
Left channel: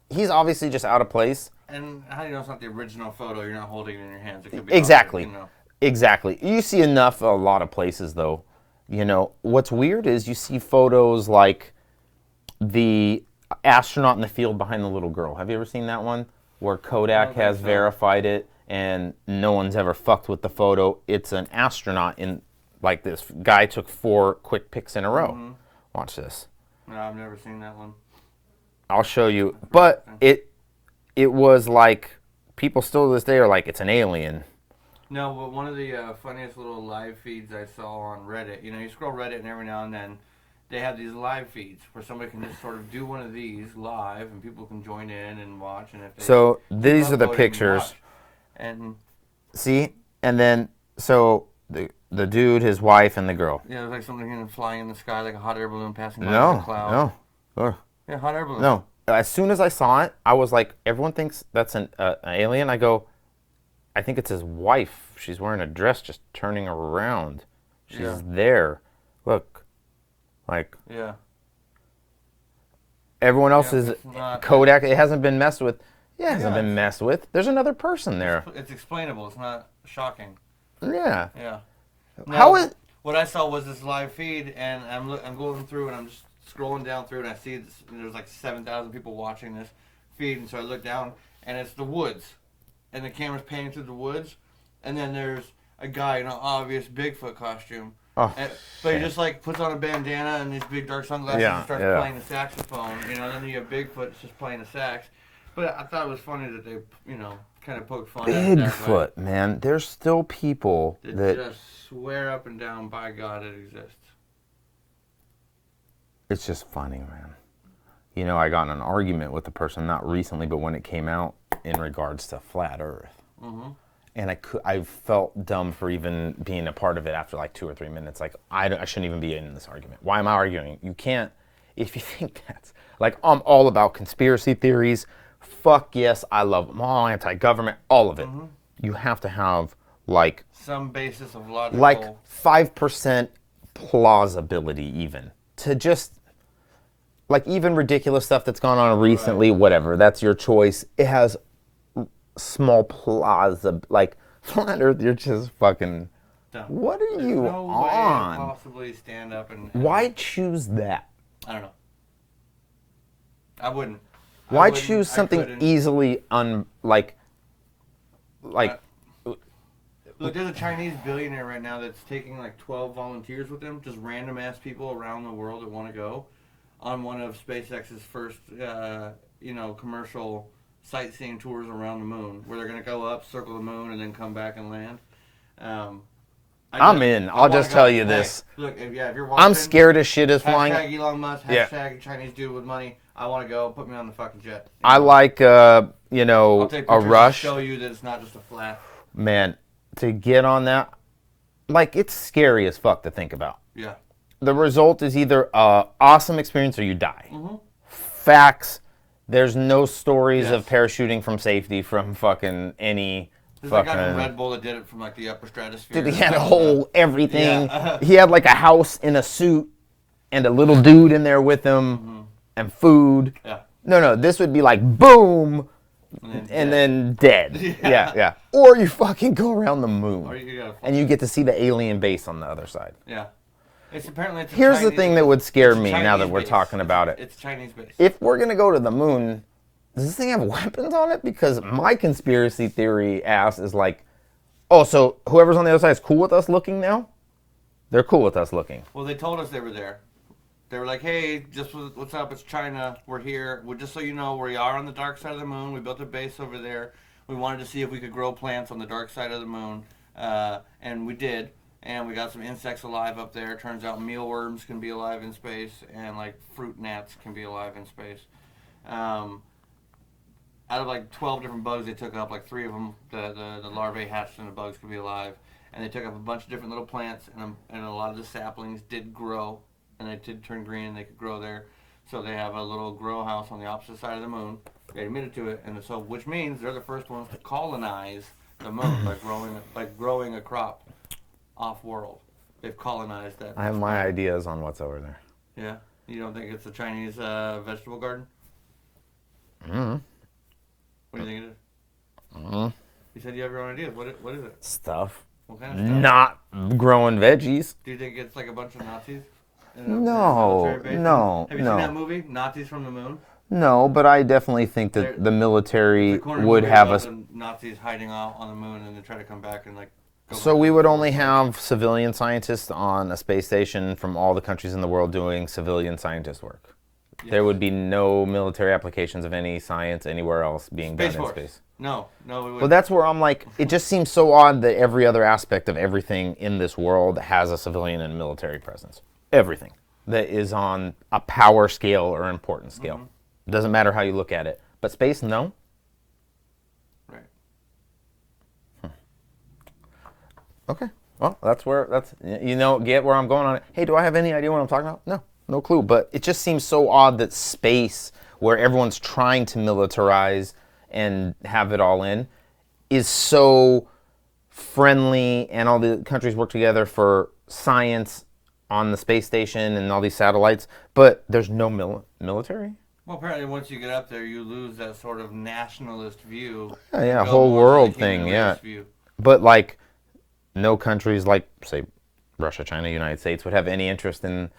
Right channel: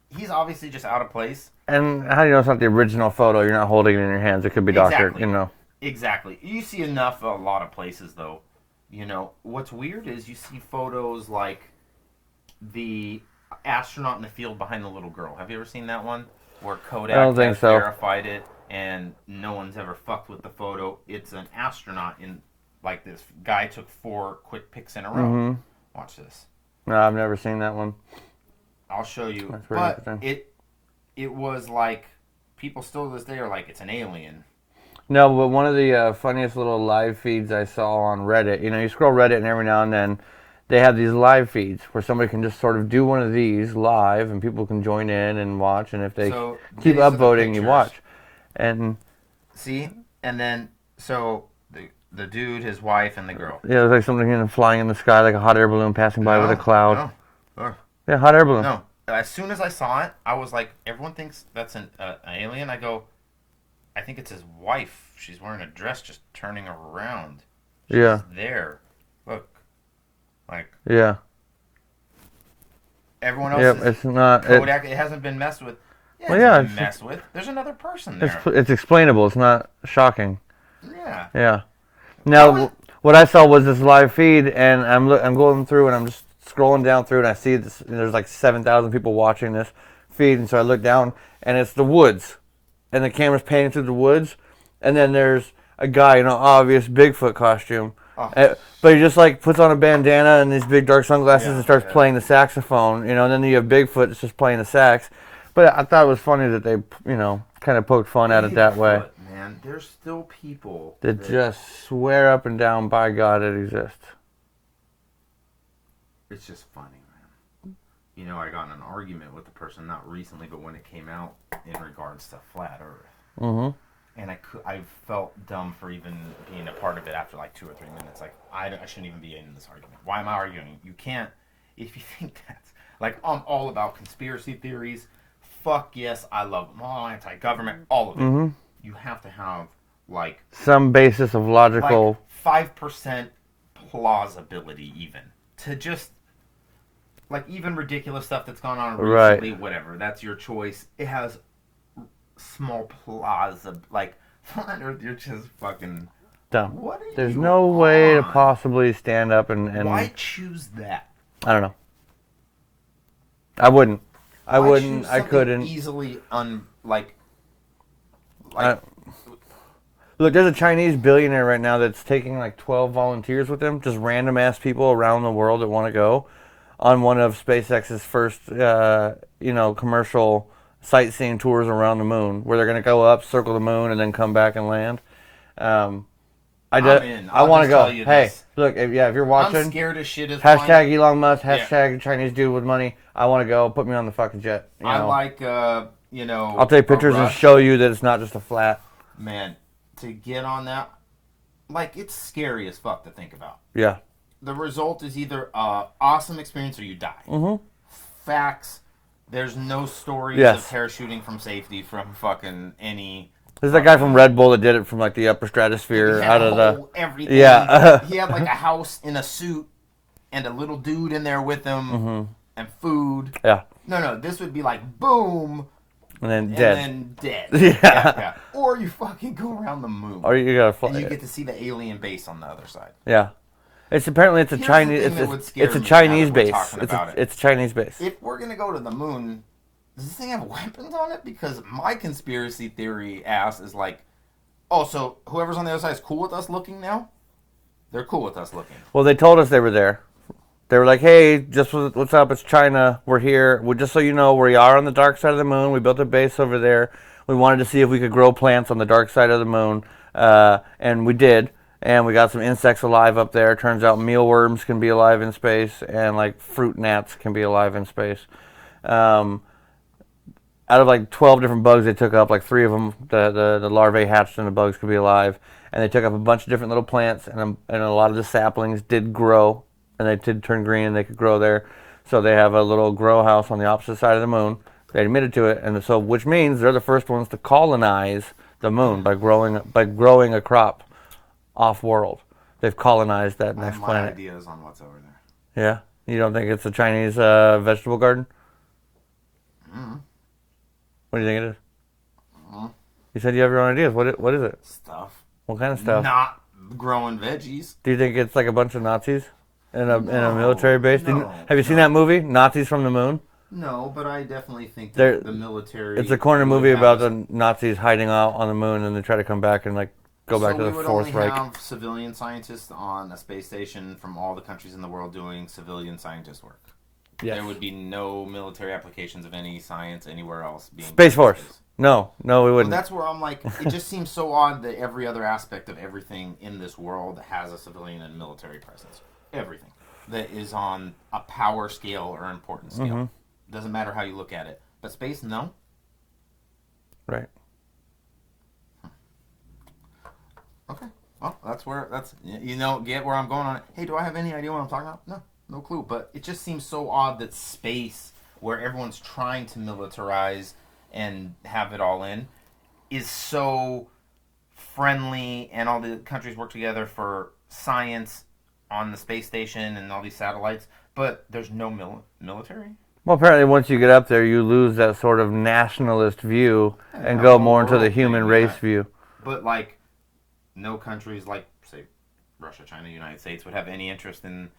He's obviously just out of place. And how do you know it's not the original photo? You're not holding it in your hands. It could be doctored, Exactly. You see enough a lot of places, though. What's weird is you see photos like the astronaut in the field behind the little girl. Have you ever seen that one? Where Kodak has verified it and no one's ever fucked with the photo. It's an astronaut in, like, this guy took 4 quick pics in a row. Mm-hmm. Watch this. No, I've never seen that one. I'll show you. But it was like, people still to this day are like, it's an alien. No, but one of the funniest little live feeds I saw on Reddit, you scroll Reddit and every now and then they have these live feeds where somebody can just sort of do one of these live, and people can join in and watch. And if they So keep these are the upvoting, you pictures. watch. And See, and then so the dude, his wife, and the girl. yeah, it's like something flying in the sky, like a hot air balloon passing by with a cloud. No. Yeah, hot air balloon. No. As soon as I saw it, I was like, everyone thinks that's an alien. I go, I think it's his wife. She's wearing a dress, just turning around. She's there. Look, like everyone else is it's not Kodak. It hasn't been messed with. Yeah, it hasn't been messed with. There's another person there. It's explainable. It's not shocking. Yeah. Yeah. Now, what I saw was this live feed, and I'm going through, and I'm just scrolling down through, and I see this. And there's like 7,000 people watching this feed, and so I look down, and it's the woods, and the camera's panning through the woods, and then there's a guy in an obvious Bigfoot costume, but he just like puts on a bandana and these big dark sunglasses and starts playing the saxophone, and then you have Bigfoot that's just playing the sax. But I thought it was funny that they, kind of poked fun at it that way. Bigfoot, man, there's still people that just swear up and down, by God, it exists. It's just funny, man. I got in an argument with a person, not recently, but when it came out in regards to flat Earth. Mm-hmm. And I felt dumb for even being a part of it after like 2 or 3 minutes. Like, I shouldn't even be in this argument. Why am I arguing? You can't, if you think that's, like, I'm all about conspiracy theories. Fuck yes, I love them. All anti-government, all of it. Mm-hmm. You have to have, like... some basis of logical... Like 5% plausibility even. To just... Like, even ridiculous stuff that's gone on recently, whatever, that's your choice. It has small plausibility. Like, flat Earth, you're just fucking... dumb. What are There's you no on? way to possibly stand up and... Why choose that? I don't know. I wouldn't. Why choose something easily look, there's a Chinese billionaire right now that's taking like 12 volunteers with him, just random ass people around the world that want to go on one of SpaceX's first, commercial sightseeing tours around the moon, where they're going to go up, circle the moon, and then come back and land. I'm in. I'll just tell you this. Look, if you're watching, I'm scared as shit as hashtag Elon Musk, hashtag Chinese dude with money. I want to go. Put me on the fucking jet. I like, I'll take pictures and show you that it's not just a flat. Man, to get on that, like, it's scary as fuck to think about. Yeah. The result is either an awesome experience or you die. Mm-hmm. Facts. There's no stories of parachuting from safety from fucking any... There's that guy from Red Bull that did it from like the upper stratosphere. He had a whole everything. Yeah. He had like a house in a suit and a little dude in there with him and food. Yeah. No, this would be like boom and then dead. Yeah. Or you fucking go around the moon. Or you gotta fly. And you get to see the alien base on the other side. Yeah. It's apparently it's a Here's Chinese. Here's the thing that would scare me now that we're talking about it. It's a Chinese base. If we're gonna go to the moon, does this thing have weapons on it? Because my conspiracy theory ass is like, oh, so whoever's on the other side is cool with us looking now? They're cool with us looking. Well, they told us they were there. They were like, hey, just what's up? It's China. We're here. Just so you know, we are on the dark side of the moon. We built a base over there. We wanted to see if we could grow plants on the dark side of the moon. And we did. And we got some insects alive up there. Turns out mealworms can be alive in space. And like fruit gnats can be alive in space. Out of like 12 different bugs they took up, like 3 of them, the larvae hatched and the bugs could be alive. And they took up a bunch of different little plants, and a lot of the saplings did grow, and they did turn green, and they could grow there. So they have a little grow house on the opposite side of the moon. They admitted to it, and so which means they're the first ones to colonize the moon by growing a crop off-world. They've colonized that next planet. I have my ideas on what's over there. Yeah? You don't think it's a Chinese vegetable garden? Mm-hmm. What do you think it is? Mm-hmm. You said you have your own ideas. What is it? Stuff. What kind of stuff? Not growing veggies. Do you think it's like a bunch of Nazis in a military base? No. Have you seen that movie, Nazis from the Moon? No, but I definitely think that the military. It's a corner movie about the Nazis hiding out on the moon, and they try to come back and like go back. So we would only have civilian scientists on a space station from all the countries in the world doing civilian scientist work. Yes. There would be no military applications of any science anywhere else being Space Force. No, we wouldn't. Well, that's where I'm like, it just seems so odd that every other aspect of everything in this world has a civilian and military presence. Everything. that is on a power scale or importance scale. Doesn't matter how you look at it. But space, no. Right. Okay. Well, get where I'm going on it. Hey, do I have any idea what I'm talking about? No clue. But it just seems so odd that space, where everyone's trying to militarize and have it all in, is so friendly, and all the countries work together for science on the space station and all these satellites, but there's no military? Well, apparently once you get up there, you lose that sort of nationalist view and go go more to the world human thing, race view. But, like, no countries like, say, Russia, China, United States would have any interest in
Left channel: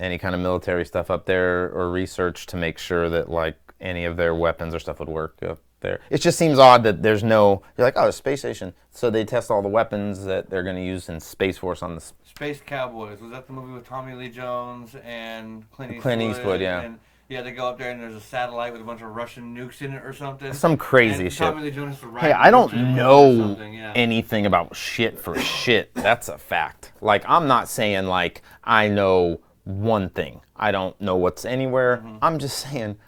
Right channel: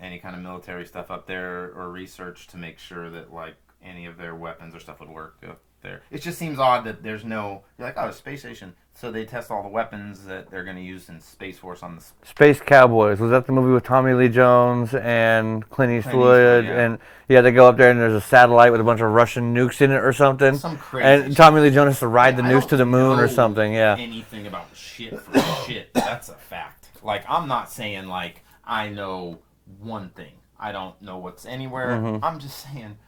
any kind of military stuff up there or research to make sure that, like, any of their weapons or stuff would work up there. It just seems odd that there's no... You're like, oh, a space station. So they test all the weapons that they're going to use in Space Force on the... Space Cowboys. Was that the movie with Tommy Lee Jones and Clint Eastwood? Yeah. And they go up there and there's a satellite with a bunch of Russian nukes in it or something. Some crazy and shit. Tommy Lee Jones has to ride the nukes to the moon or something. Yeah. Anything about shit for shit. That's a fact. Like, I'm not saying, like, I know one thing. I don't know what's anywhere. I'm just saying...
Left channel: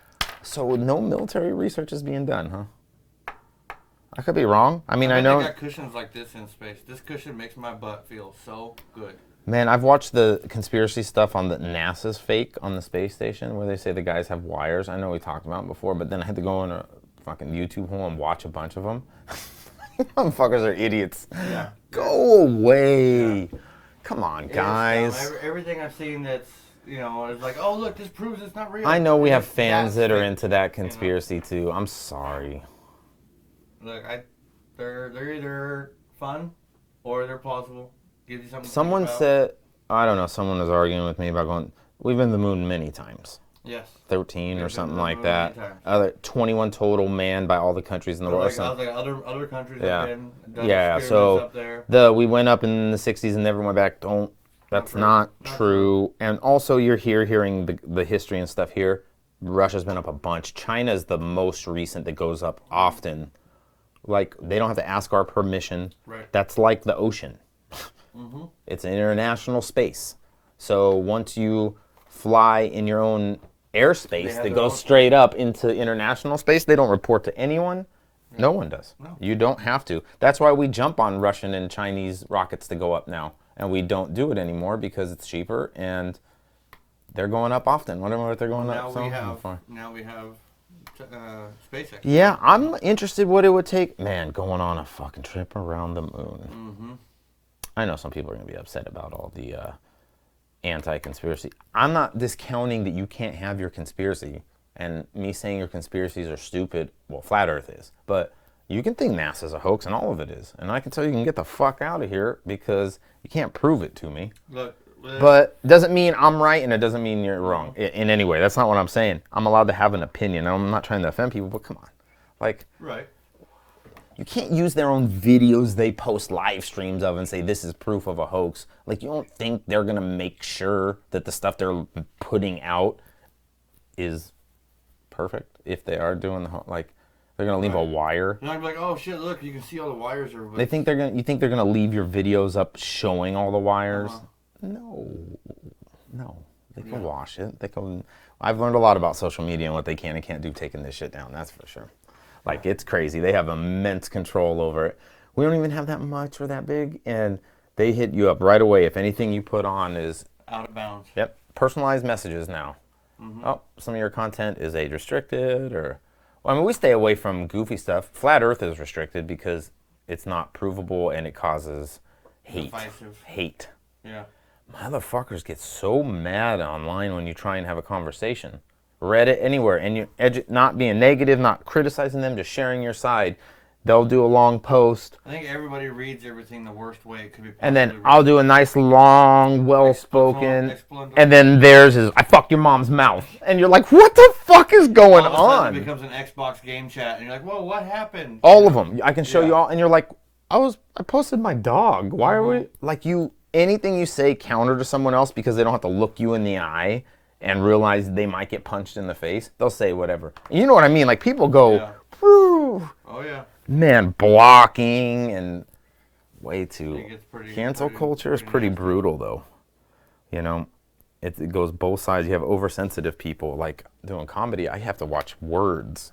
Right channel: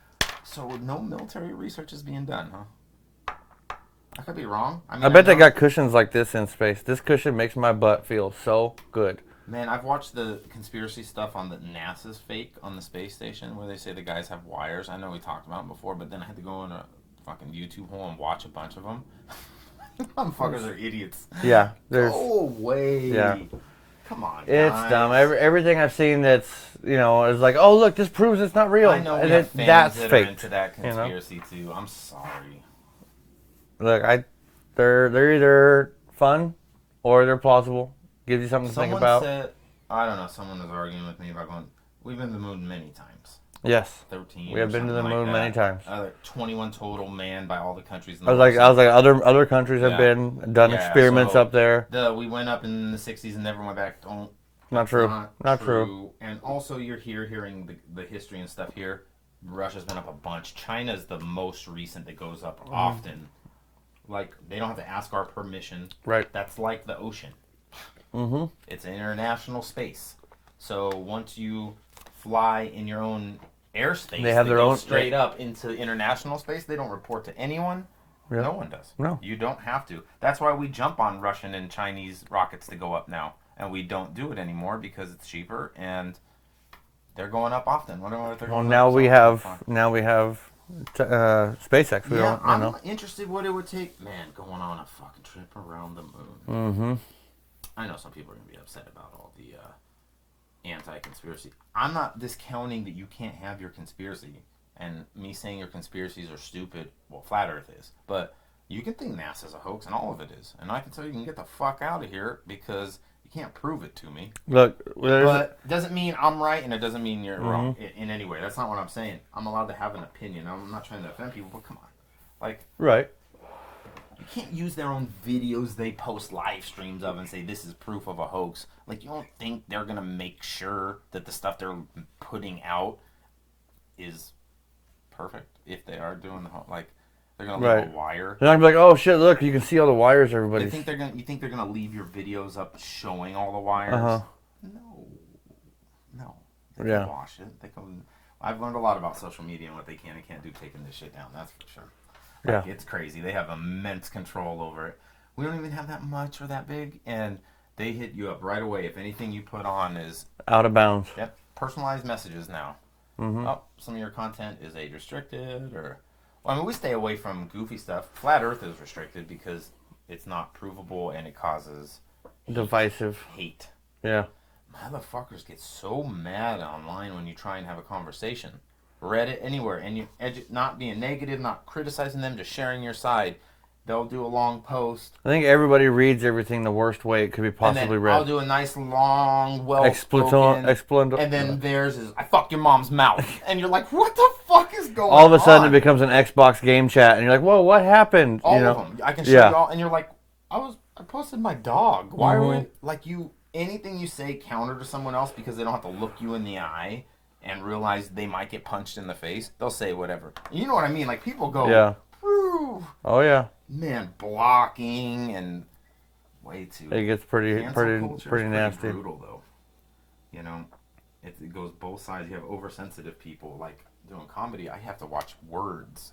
So no military research is being done, huh? I could be wrong. I mean, I bet they got cushions like this in space. This cushion makes my butt feel so good. Man, I've watched the conspiracy stuff on the NASA's fake on the space station where they say the guys have wires. I know we talked about it before, but then I had to go in a fucking YouTube hole and watch a bunch of them. Motherfuckers are idiots. Yeah. Go away. Yeah. Come on, guys. It's dumb. Everything I've seen that's, is like, oh, look, this proves it's not real. I know we have fans that are fake, into that conspiracy too. I'm sorry. Look, they're either fun or they're plausible. Gives you something to think about. Someone said, I don't know, someone was arguing with me about going, we've been to the moon many times. Yes. 13 we or have something been to the like moon that. Many times. 21 total manned by all the countries in the world. world. I was like, other countries have done experiments up there. We went up in the 60s and never went back. That's not true. And also, you're hearing the history and stuff here. Russia's been up a bunch. China's the most recent that goes up often. Like, they don't have to ask our permission. Right. That's like the ocean. It's an international space. So once you fly in your own airspace, they go straight up into international space. They don't report to anyone. Really? No one does. No. You don't have to. That's why we jump on Russian and Chinese rockets to go up now. And we don't do it anymore because it's cheaper and they're going up often. Wonder what they're going now up. Now we have SpaceX. Yeah, I'm interested what it would take. Man, going on a fucking trip around the moon. I know some people are going to be upset about all the anti-conspiracy. I'm not discounting that you can't have your conspiracy. And me saying your conspiracies are stupid, well, Flat Earth is. But you can think NASA's a hoax, and all of it is. And I can tell you can get the fuck out of here because you can't prove it to me. Look, but it doesn't mean I'm right, and it doesn't mean you're wrong in any way. That's not what I'm saying. I'm allowed to have an opinion. I'm not trying to offend people, but come on. Like, right. You can't use their own videos they post live streams of and say this is proof of a hoax. Like, you don't think they're going to make sure that the stuff they're putting out is perfect if they are doing like they're going to leave a wire. They're not going to be like, oh shit, look, you can see all the wires everybody. You think they're going to leave your videos up showing all the wires? No. They can wash it. I've learned a lot about social media and what they can and can't do taking this shit down, that's for sure. Like, it's crazy. They have immense control over it. We don't even have that much or that big, and they hit you up right away if anything you put on is... out of bounds. Yep. Personalized messages now. Oh, some of your content is age restricted, or... Well, I mean, we stay away from goofy stuff. Flat Earth is restricted because it's not provable and it causes divisive hate. Yeah. Motherfuckers get so mad online when you try and have a conversation. Reddit, anywhere, and you're not being negative, not criticizing them, just sharing your side. They'll do a long post. I think everybody reads everything the worst way it could be possibly and then read. I'll do a nice, long, well-spoken, and then theirs is, I fuck your mom's mouth. And you're like, what the fuck is going on? All of a sudden it becomes an Xbox game chat, and you're like, whoa, what happened? All of them. I can show you all, and you're like, I posted my dog. Why are we, like, anything you say counter to someone else because they don't have to look you in the eye and realize they might get punched in the face, they'll say whatever. You know what I mean? Like, people go, whew. Oh, yeah. Man, blocking and way too... It gets pretty... Cancel culture is pretty brutal, though. You know? it goes both sides. You have oversensitive people, like doing comedy. I have to watch words.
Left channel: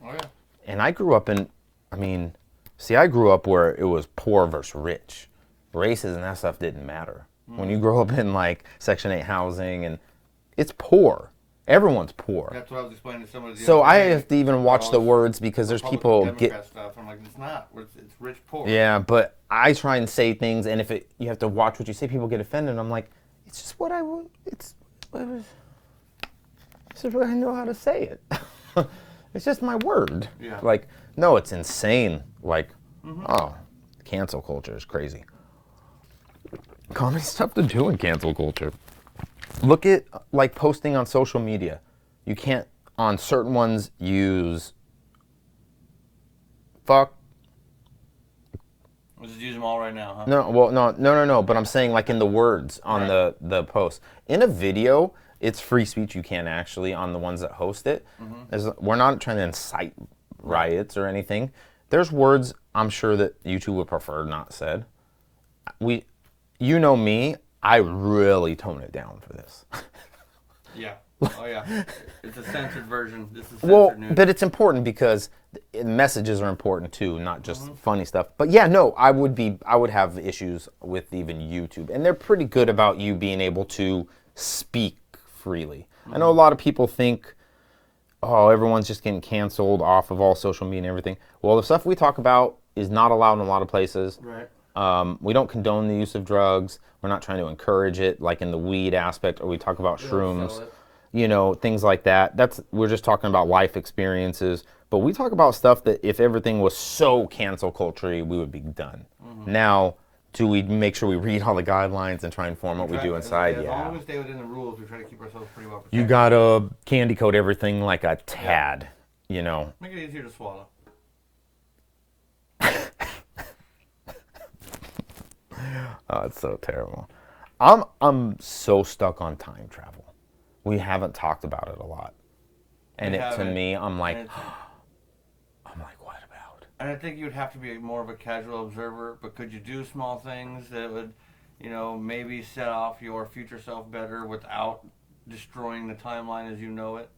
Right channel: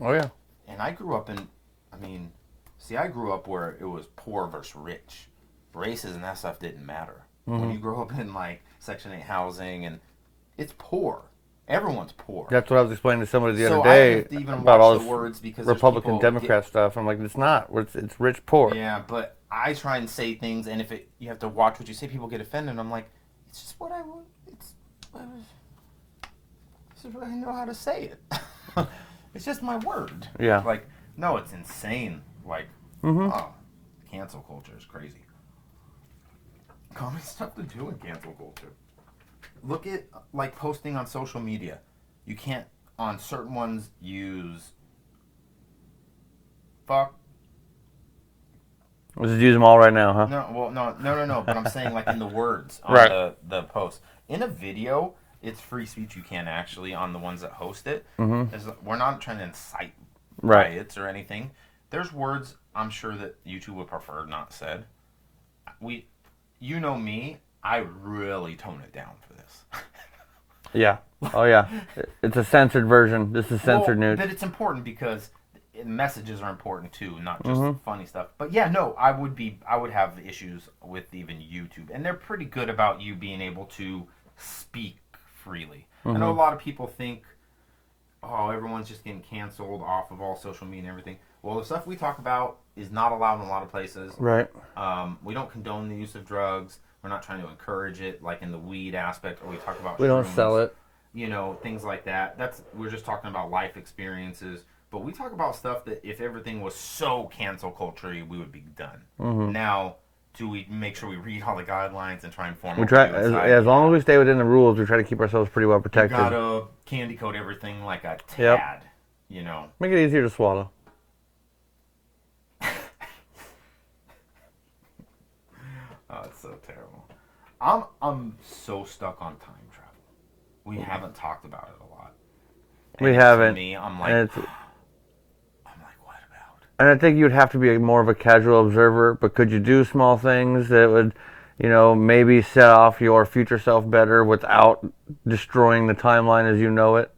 Oh, yeah. And I grew up I grew up where it was poor versus rich. Races and that stuff didn't matter. When you grow up in like Section 8 housing, and it's poor. Everyone's poor. That's what I was explaining to somebody the So other I day. have to even watch the words because there's Republican, people Democrat stuff. I'm like, it's not. It's rich, poor. Yeah, but I try and say things, and if you have to watch what you say, people get offended. I'm like, it's just what I want. It's just what I know how to say it. It's just my word. Yeah. Like, no, it's insane. Like, oh, cancel culture is crazy. Comedy's tough to do in cancel culture. Look at, like, posting on social media. You can't, on certain ones, use fuck. Let's just use them all right now, huh? No, well, no. But I'm saying, like, in the words on the post. In a video, it's free speech. You can actually, on the ones that host it. We're not trying to incite riots or anything. There's words I'm sure that YouTube would prefer not said. You know me, I really tone it down for this. Yeah. Oh, yeah. It's a censored version. This is censored news. But it's important because messages are important too, not just funny stuff. But yeah, no, I would have issues with even YouTube. And they're pretty good about you being able to speak freely. I know a lot of people think, oh, everyone's just getting canceled off of all social media and everything. Well, the stuff we talk about is not allowed in a lot of places. Right. We don't condone the use of drugs. We're not trying to encourage it, like in the weed aspect, or we talk about shrooms. We don't sell it. You know, things like that. We're just talking about life experiences. But we talk about stuff that if everything was so cancel culture, we would be done. Now, do we make sure we read all the guidelines and try and form what we do inside? As long as we stay within the rules, we try to keep ourselves pretty well protected. You gotta candy coat everything like a tad, you know. Make it easier to swallow. Oh, it's so terrible. I'm so stuck on time travel. We haven't talked about it a lot. We haven't. To me, I'm like, what about? And I think you'd have to be more of a casual observer, but could you do small things that would, maybe set off your future self better without destroying the timeline as you know it?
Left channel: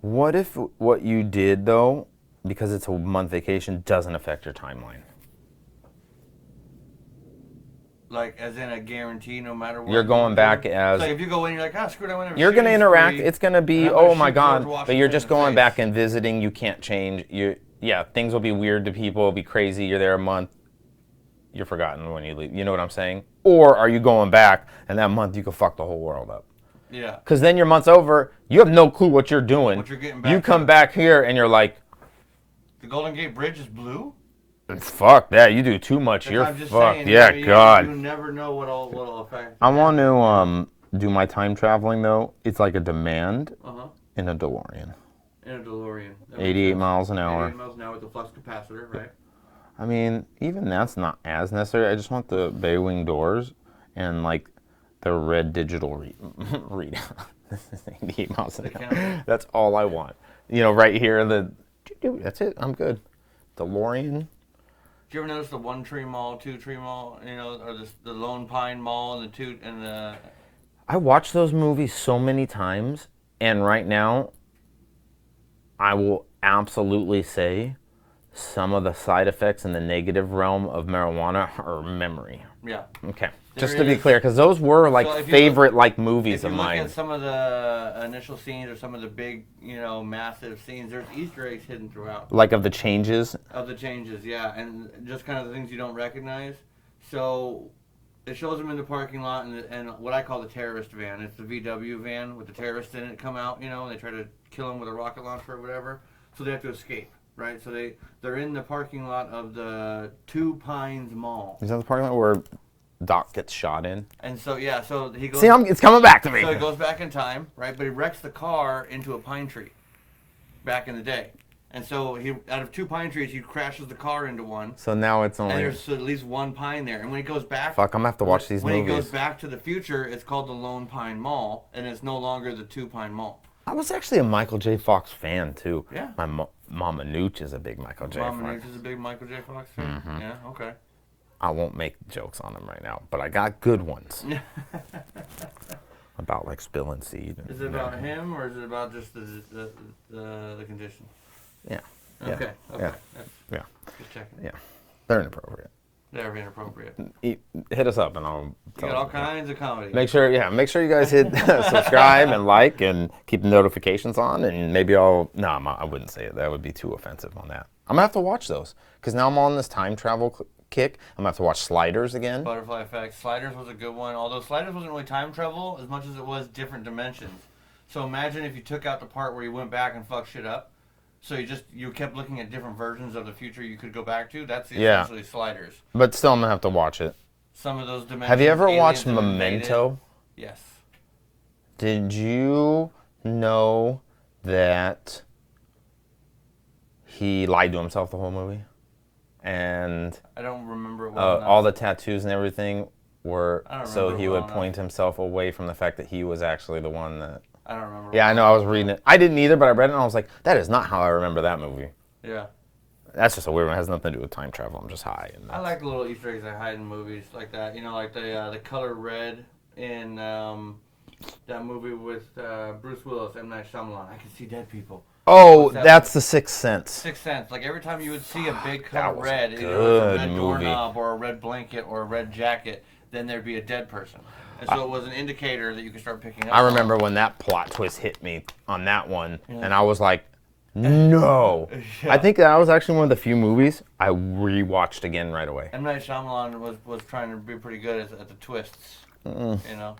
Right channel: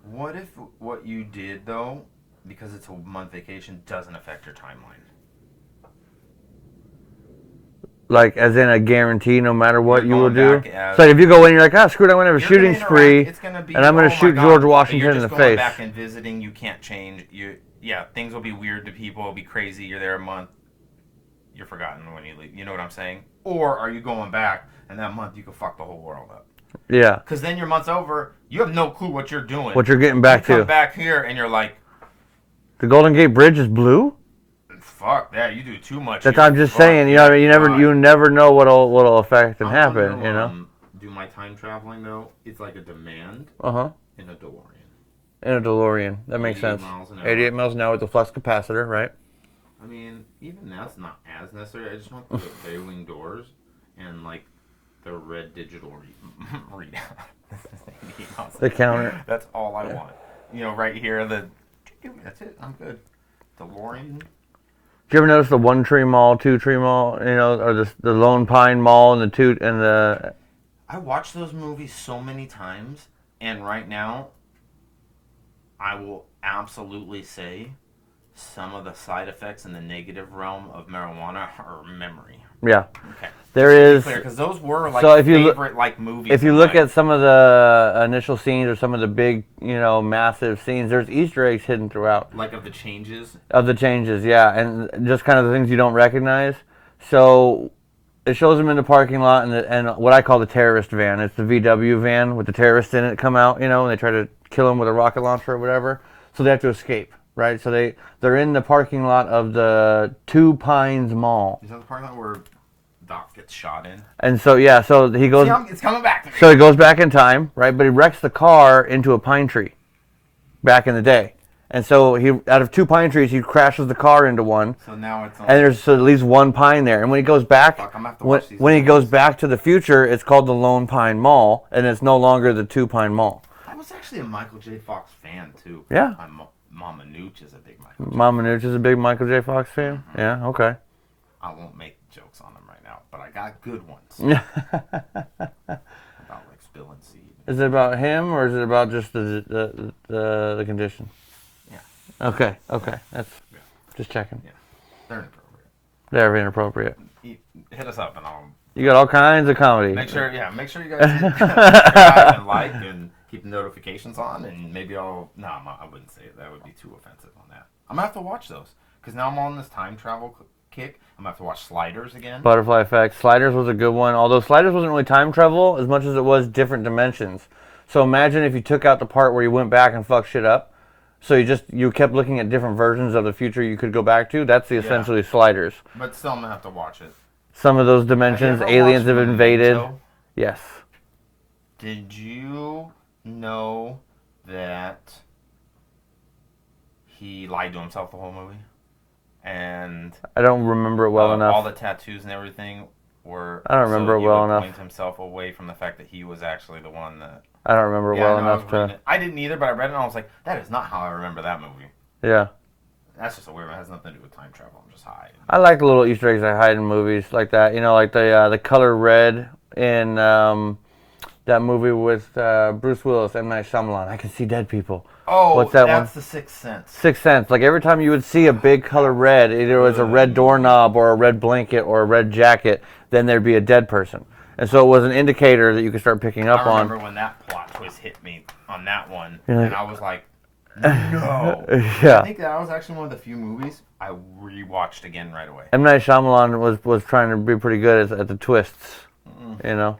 What if what you did, though, because it's a month vacation, doesn't affect your timeline? Like, as in a guarantee, no matter what you will do. So if you go in, you're like, screw it, I'm going to have a shooting spree. It's going to be, and I'm going to shoot George Washington in the face. You're just going back and visiting. You can't change. Things will be weird to people. It'll be crazy. You're there a month. You're forgotten when you leave. You know what I'm saying? Or are you going back, and that month you can fuck the whole world up? Yeah. Because then your month's over. You have no clue what you're doing. What you're getting back to. You come back here, and you're like, the Golden Gate Bridge is blue? Fuck that! You do too much. I'm just saying. You never know what'll affect and happen. I want to do my time traveling though. It's like a demand. In a DeLorean. That makes sense. 88 miles an hour. 88 miles an hour with the flux capacitor, right? I mean, even that's not as necessary. I just want the bay wing doors and like the red digital readout. 88 miles an hour. The counter. That's all I want. Right here. That's it. I'm good. DeLorean. Did you ever notice the One Tree Mall, Two Tree Mall, or the Lone Pine Mall and the I watched those movies so many times, and right now, I will absolutely say some of the side effects in the negative realm of marijuana are memory. Yeah. Okay. There Just to is, be clear, because those were like favorite movies. If you look at some of the initial scenes or some of the big, massive scenes, there's Easter eggs hidden throughout. Like of the changes? Of the changes, yeah. And just kind of the things you don't recognize. So it shows them in the parking lot and what I call the terrorist van. It's the VW van with the terrorists in it come out, and they try to kill them with a rocket launcher or whatever. So they have to escape, right? So they're in the parking lot of the Two Pines Mall. Is that the parking lot where Doc gets shot in? And so, so he goes... See, it's coming back to me. So he goes back in time, right? But he wrecks the car into a pine tree back in the day. And so out of two pine trees, he crashes the car into one. So now it's only... And there's at least one pine there. And when he goes back... Fuck, I'm going to have to watch these When movies. he goes back to the future, it's called the Lone Pine Mall, and it's no longer the Two Pine Mall. I was actually a Michael J. Fox fan, too. Yeah. My Mama Nooch is a big Michael J. Mama Nooch is a big Michael J. Fox fan? Yeah, okay. I won't make jokes on them right now, but I got good ones. About like spilling seed. Is it about him or is it about just the condition? Yeah. Okay. Yeah. That's just checking. Yeah. They're inappropriate. They're inappropriate. Hit us up and I'll. You got all kinds of comedy. Make sure you guys hit subscribe and like and keep the notifications on, and maybe I wouldn't say it. That would be too offensive on that. I'm gonna have to watch those because now I'm on this time travel kick. I'm gonna have to watch Sliders again. Butterfly Effect. Sliders was a good one, although Sliders wasn't really time travel as much as it was different dimensions. So imagine if you took out the part where you went back and fucked shit up. So you kept looking at different versions of the future you could go back to. That's essentially Sliders. But still, I'm gonna have to watch it. Some of those dimensions, aliens have invaded. Memento? Yes. Did you know that he lied to himself the whole movie? And I don't remember it well enough. All the tattoos and everything were. I don't remember it well enough. Point himself away from the fact that he was actually the one that. I don't remember it well enough. Yeah, I know. I was reading it. I didn't either, but I read it and I was like, that is not how I remember that movie. Yeah. That's just a weird one. It has nothing to do with time travel. I'm just high. I like the little Easter eggs they hide in movies like that. You know, like the color red in that movie with Bruce Willis, M. Night Shyamalan. I can see dead people. Oh, that's The Sixth Sense. Sixth Sense. Like every time you would see a big color red, either it was a red doorknob or a red blanket or a red jacket, then there'd be a dead person. And so it was an indicator that you could start picking up on. I remember when that plot twist hit me on that one, and I was like, no. Yeah. I think that was actually one of the few movies I rewatched again right away. M. Night Shyamalan was trying to be pretty good at the twists, you know?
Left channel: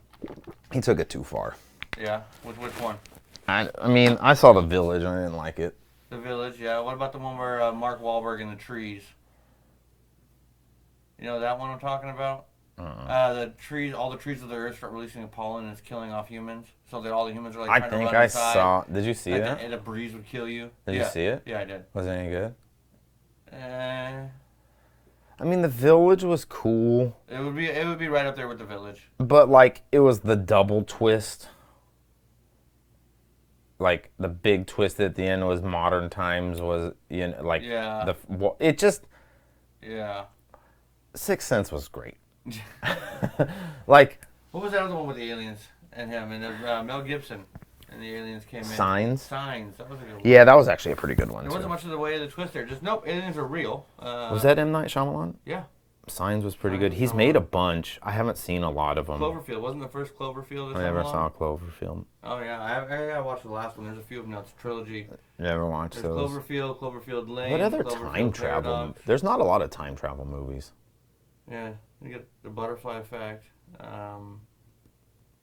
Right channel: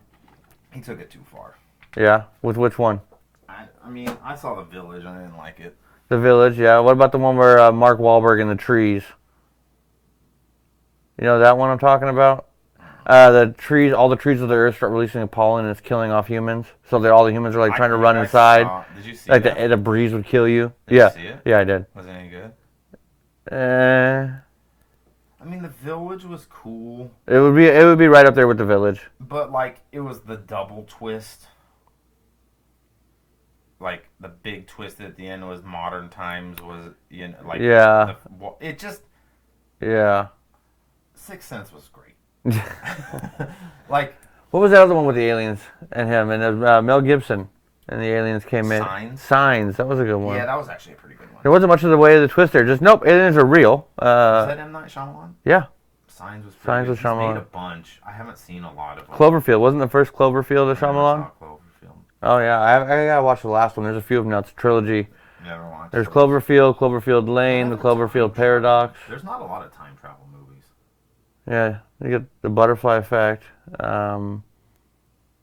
He took it too far. Yeah? With which one? I mean, I saw The Village and I didn't like it. The Village, yeah. What about the one where Mark Wahlberg in the trees? You know that one I'm talking about? The trees, all the trees of the earth start releasing pollen and it's killing off humans. So all the humans are like trying to run inside. Did you see like that? Like the breeze would kill you. Did you see it? Yeah, I did. Was it any good? I mean, The Village was cool. It would be right up there with The Village. But like, it was the double twist. Like the big twist at the end was modern times was like it just Sixth Sense was great. Like, what was that other one with the aliens and him and Mel Gibson and the aliens came in? Signs. That was a good one. Yeah, that was actually a pretty good one. There wasn't much of the way of the twist there. Just nope, aliens are real. Was that M. Night Shyamalan? Yeah. Signs was pretty good. He's made a bunch. I haven't seen a lot of them. Cloverfield wasn't the first Cloverfield of Shyamalan? I never saw Cloverfield. Oh yeah, I gotta watch the last one. There's a few of them now. It's a trilogy. Never watched. There's Cloverfield, Cloverfield Lane, the Cloverfield Paradox. There's not a lot of time travel movies. Yeah, you get the Butterfly Effect, The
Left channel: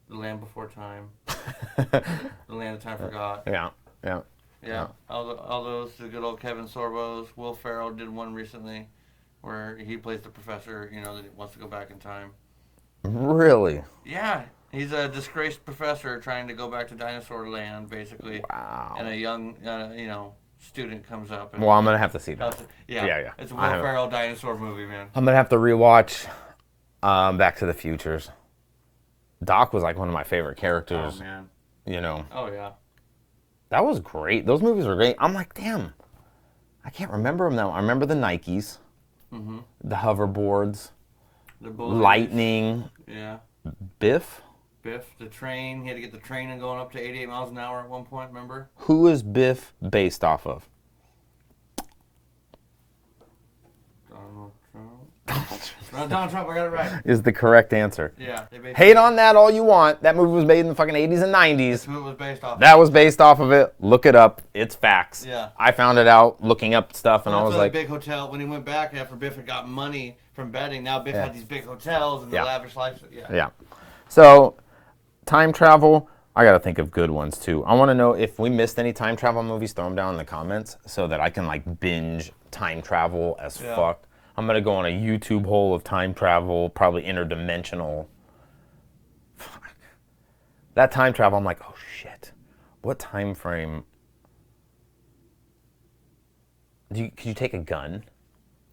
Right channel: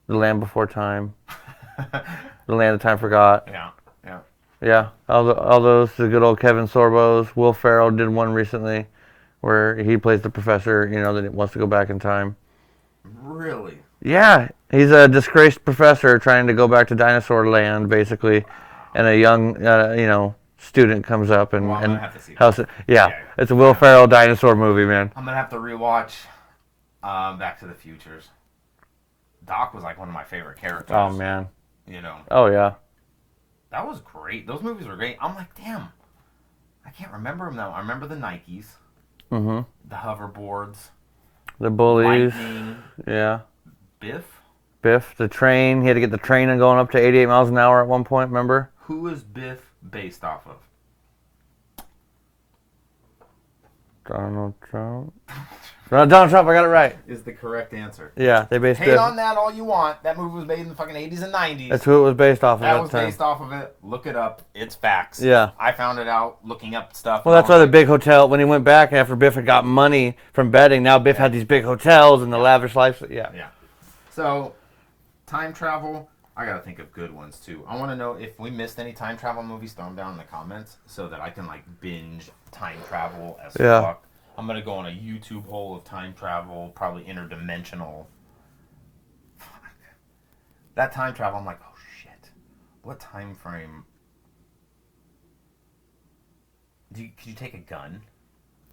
Land Before Time, The Land of Time Forgot. Yeah. All those, the good old Kevin Sorbo's. Will Ferrell did one recently, where he plays the professor, that wants to go back in time. Really? Yeah, he's a disgraced professor trying to go back to dinosaur land, basically, and a young, student comes up and. Well, I'm gonna have to see that. Yeah, it's a Will Ferrell dinosaur movie, man. I'm gonna have to rewatch Back to the Futures. Doc was like one of my favorite characters. Oh man. Oh yeah. That was great. Those movies were great. I'm like, damn. I can't remember them now. I remember the Nikes. Mm-hmm. The hoverboards. The bullies. Lightning. Yeah. Biff, the train. He had to get the train and going up to 88 miles an hour at one point, remember? Who is Biff based off of? Donald Trump. Donald Trump, I got it right. Is the correct answer. Yeah, they based Hate on that all you want. That movie was made in the fucking 80s and 90s. That's who it was based off of. That was based off of it. Look it up. It's facts. Yeah. I found it out looking up stuff. Well, that's why the big hotel, when he went back after Biff had got money from betting, now Biff had these big hotels and the lavish life. Yeah. So, time travel, I got to think of good ones too. I want to know if we missed any time travel movies, throw them down in the comments so that I can binge time travel as fuck. I'm going to go on a YouTube hole of time travel, probably interdimensional. Fuck. That time travel, I'm like, oh shit. What time frame? Could you take a gun?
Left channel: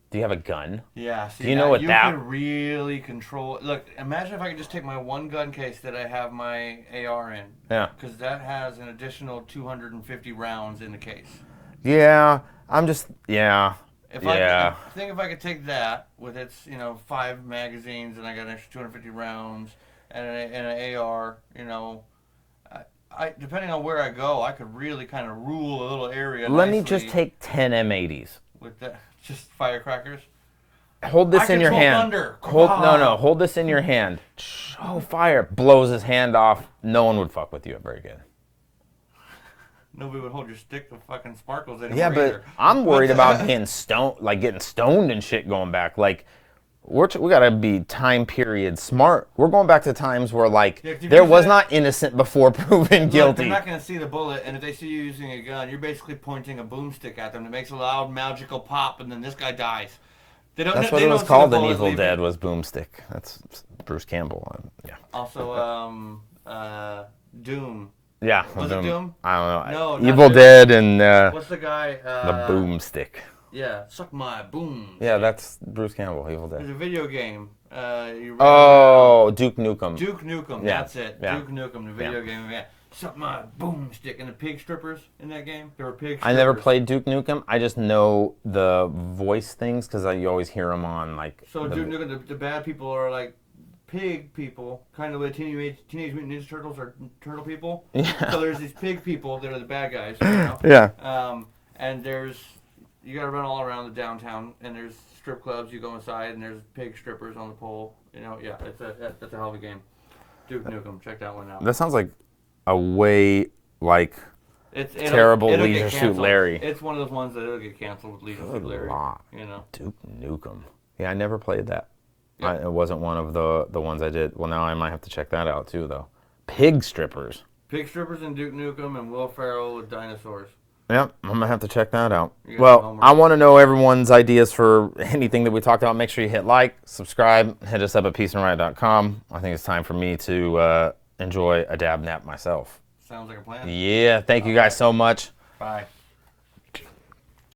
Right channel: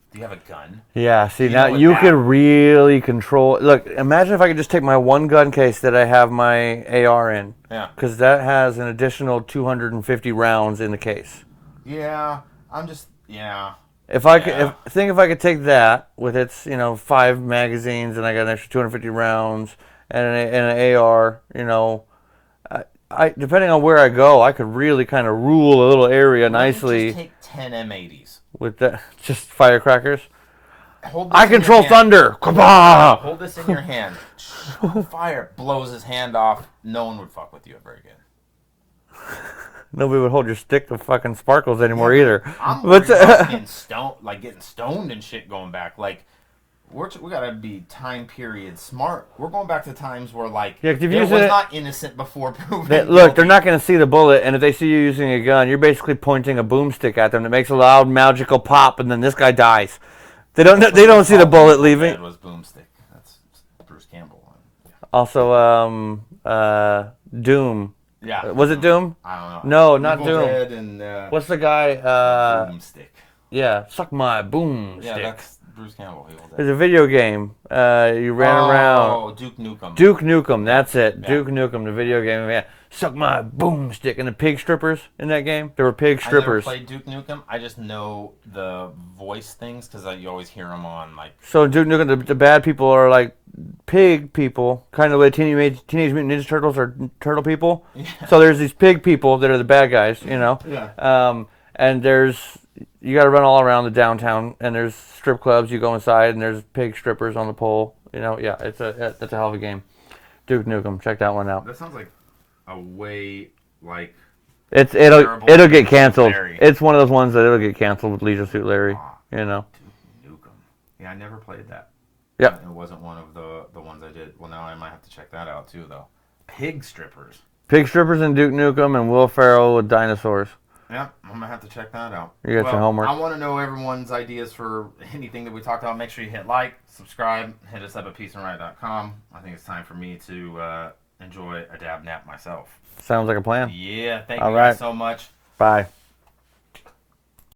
Do you have a gun? Yeah, see, now you could really control. Look, imagine if I could just take my one gun case that I have my AR in. Yeah. Because that has an additional 250 rounds in the case. Yeah, If I could take that with its 5 magazines and I got an extra 250 rounds and an AR, I depending on where I go, I could really kind of rule a little area nicely. Let me just take 10 M80s with that, just firecrackers. Hold this I in control your hand. thunder. Come on. Hold this in your hand. Fire. Blows his hand off. No one would fuck with you very good. Nobody would hold your stick to fucking sparkles anymore either. I'm worried about getting stoned and shit going back. Like, we gotta be time period smart. We're going back to times where there was not innocent before proven guilty. Look, they're not gonna see the bullet, and if they see you using a gun, you're basically pointing a boomstick at them that makes a loud magical pop, and then this guy dies. They don't see the bullet leaving. Dead was boomstick. That's Bruce Campbell. Yeah. Also, Doom. Yeah. Was it Doom? I don't know. No, not Evil Doom. Dead and what's the guy? the boomstick. Yeah, suck my boom. Yeah, that's Bruce Campbell. Evil Dead. There's a video game. You ran around. Oh, Duke Nukem. Duke Nukem. That's it. Yeah. Duke Nukem, the video game. Yeah. Suck my boomstick. And the pig strippers in that game. There were pig strippers. I never played Duke Nukem. I just know the voice things because you always hear them on So Duke Nukem, the bad people are like pig people, kind of like Teenage Mutant Ninja Turtles are turtle people. Yeah. So there's these pig people that are the bad guys, Yeah. And you got to run all around the downtown, and there's strip clubs. You go inside, and there's pig strippers on the pole. Yeah, that's a hell of a game. Duke Nukem, check that one out. That sounds like a way it'll Leisure get Suit canceled. Larry. It's one of those ones that it'll get canceled with Leisure Suit Larry. Duke Nukem. Yeah, I never played that. Yeah, it wasn't one of the ones I did. Well, now I might have to check that out too, though. Pig strippers. Pig strippers and Duke Nukem and Will Ferrell with dinosaurs. Yep, I'm gonna have to check that out. You got your homework. I want to know everyone's ideas for anything that we talked about. Make sure you hit like, subscribe, hit us up at peaceandriot.com. I think it's time for me to enjoy a dab nap myself. Sounds like a plan. Yeah, thank you guys so much. Bye.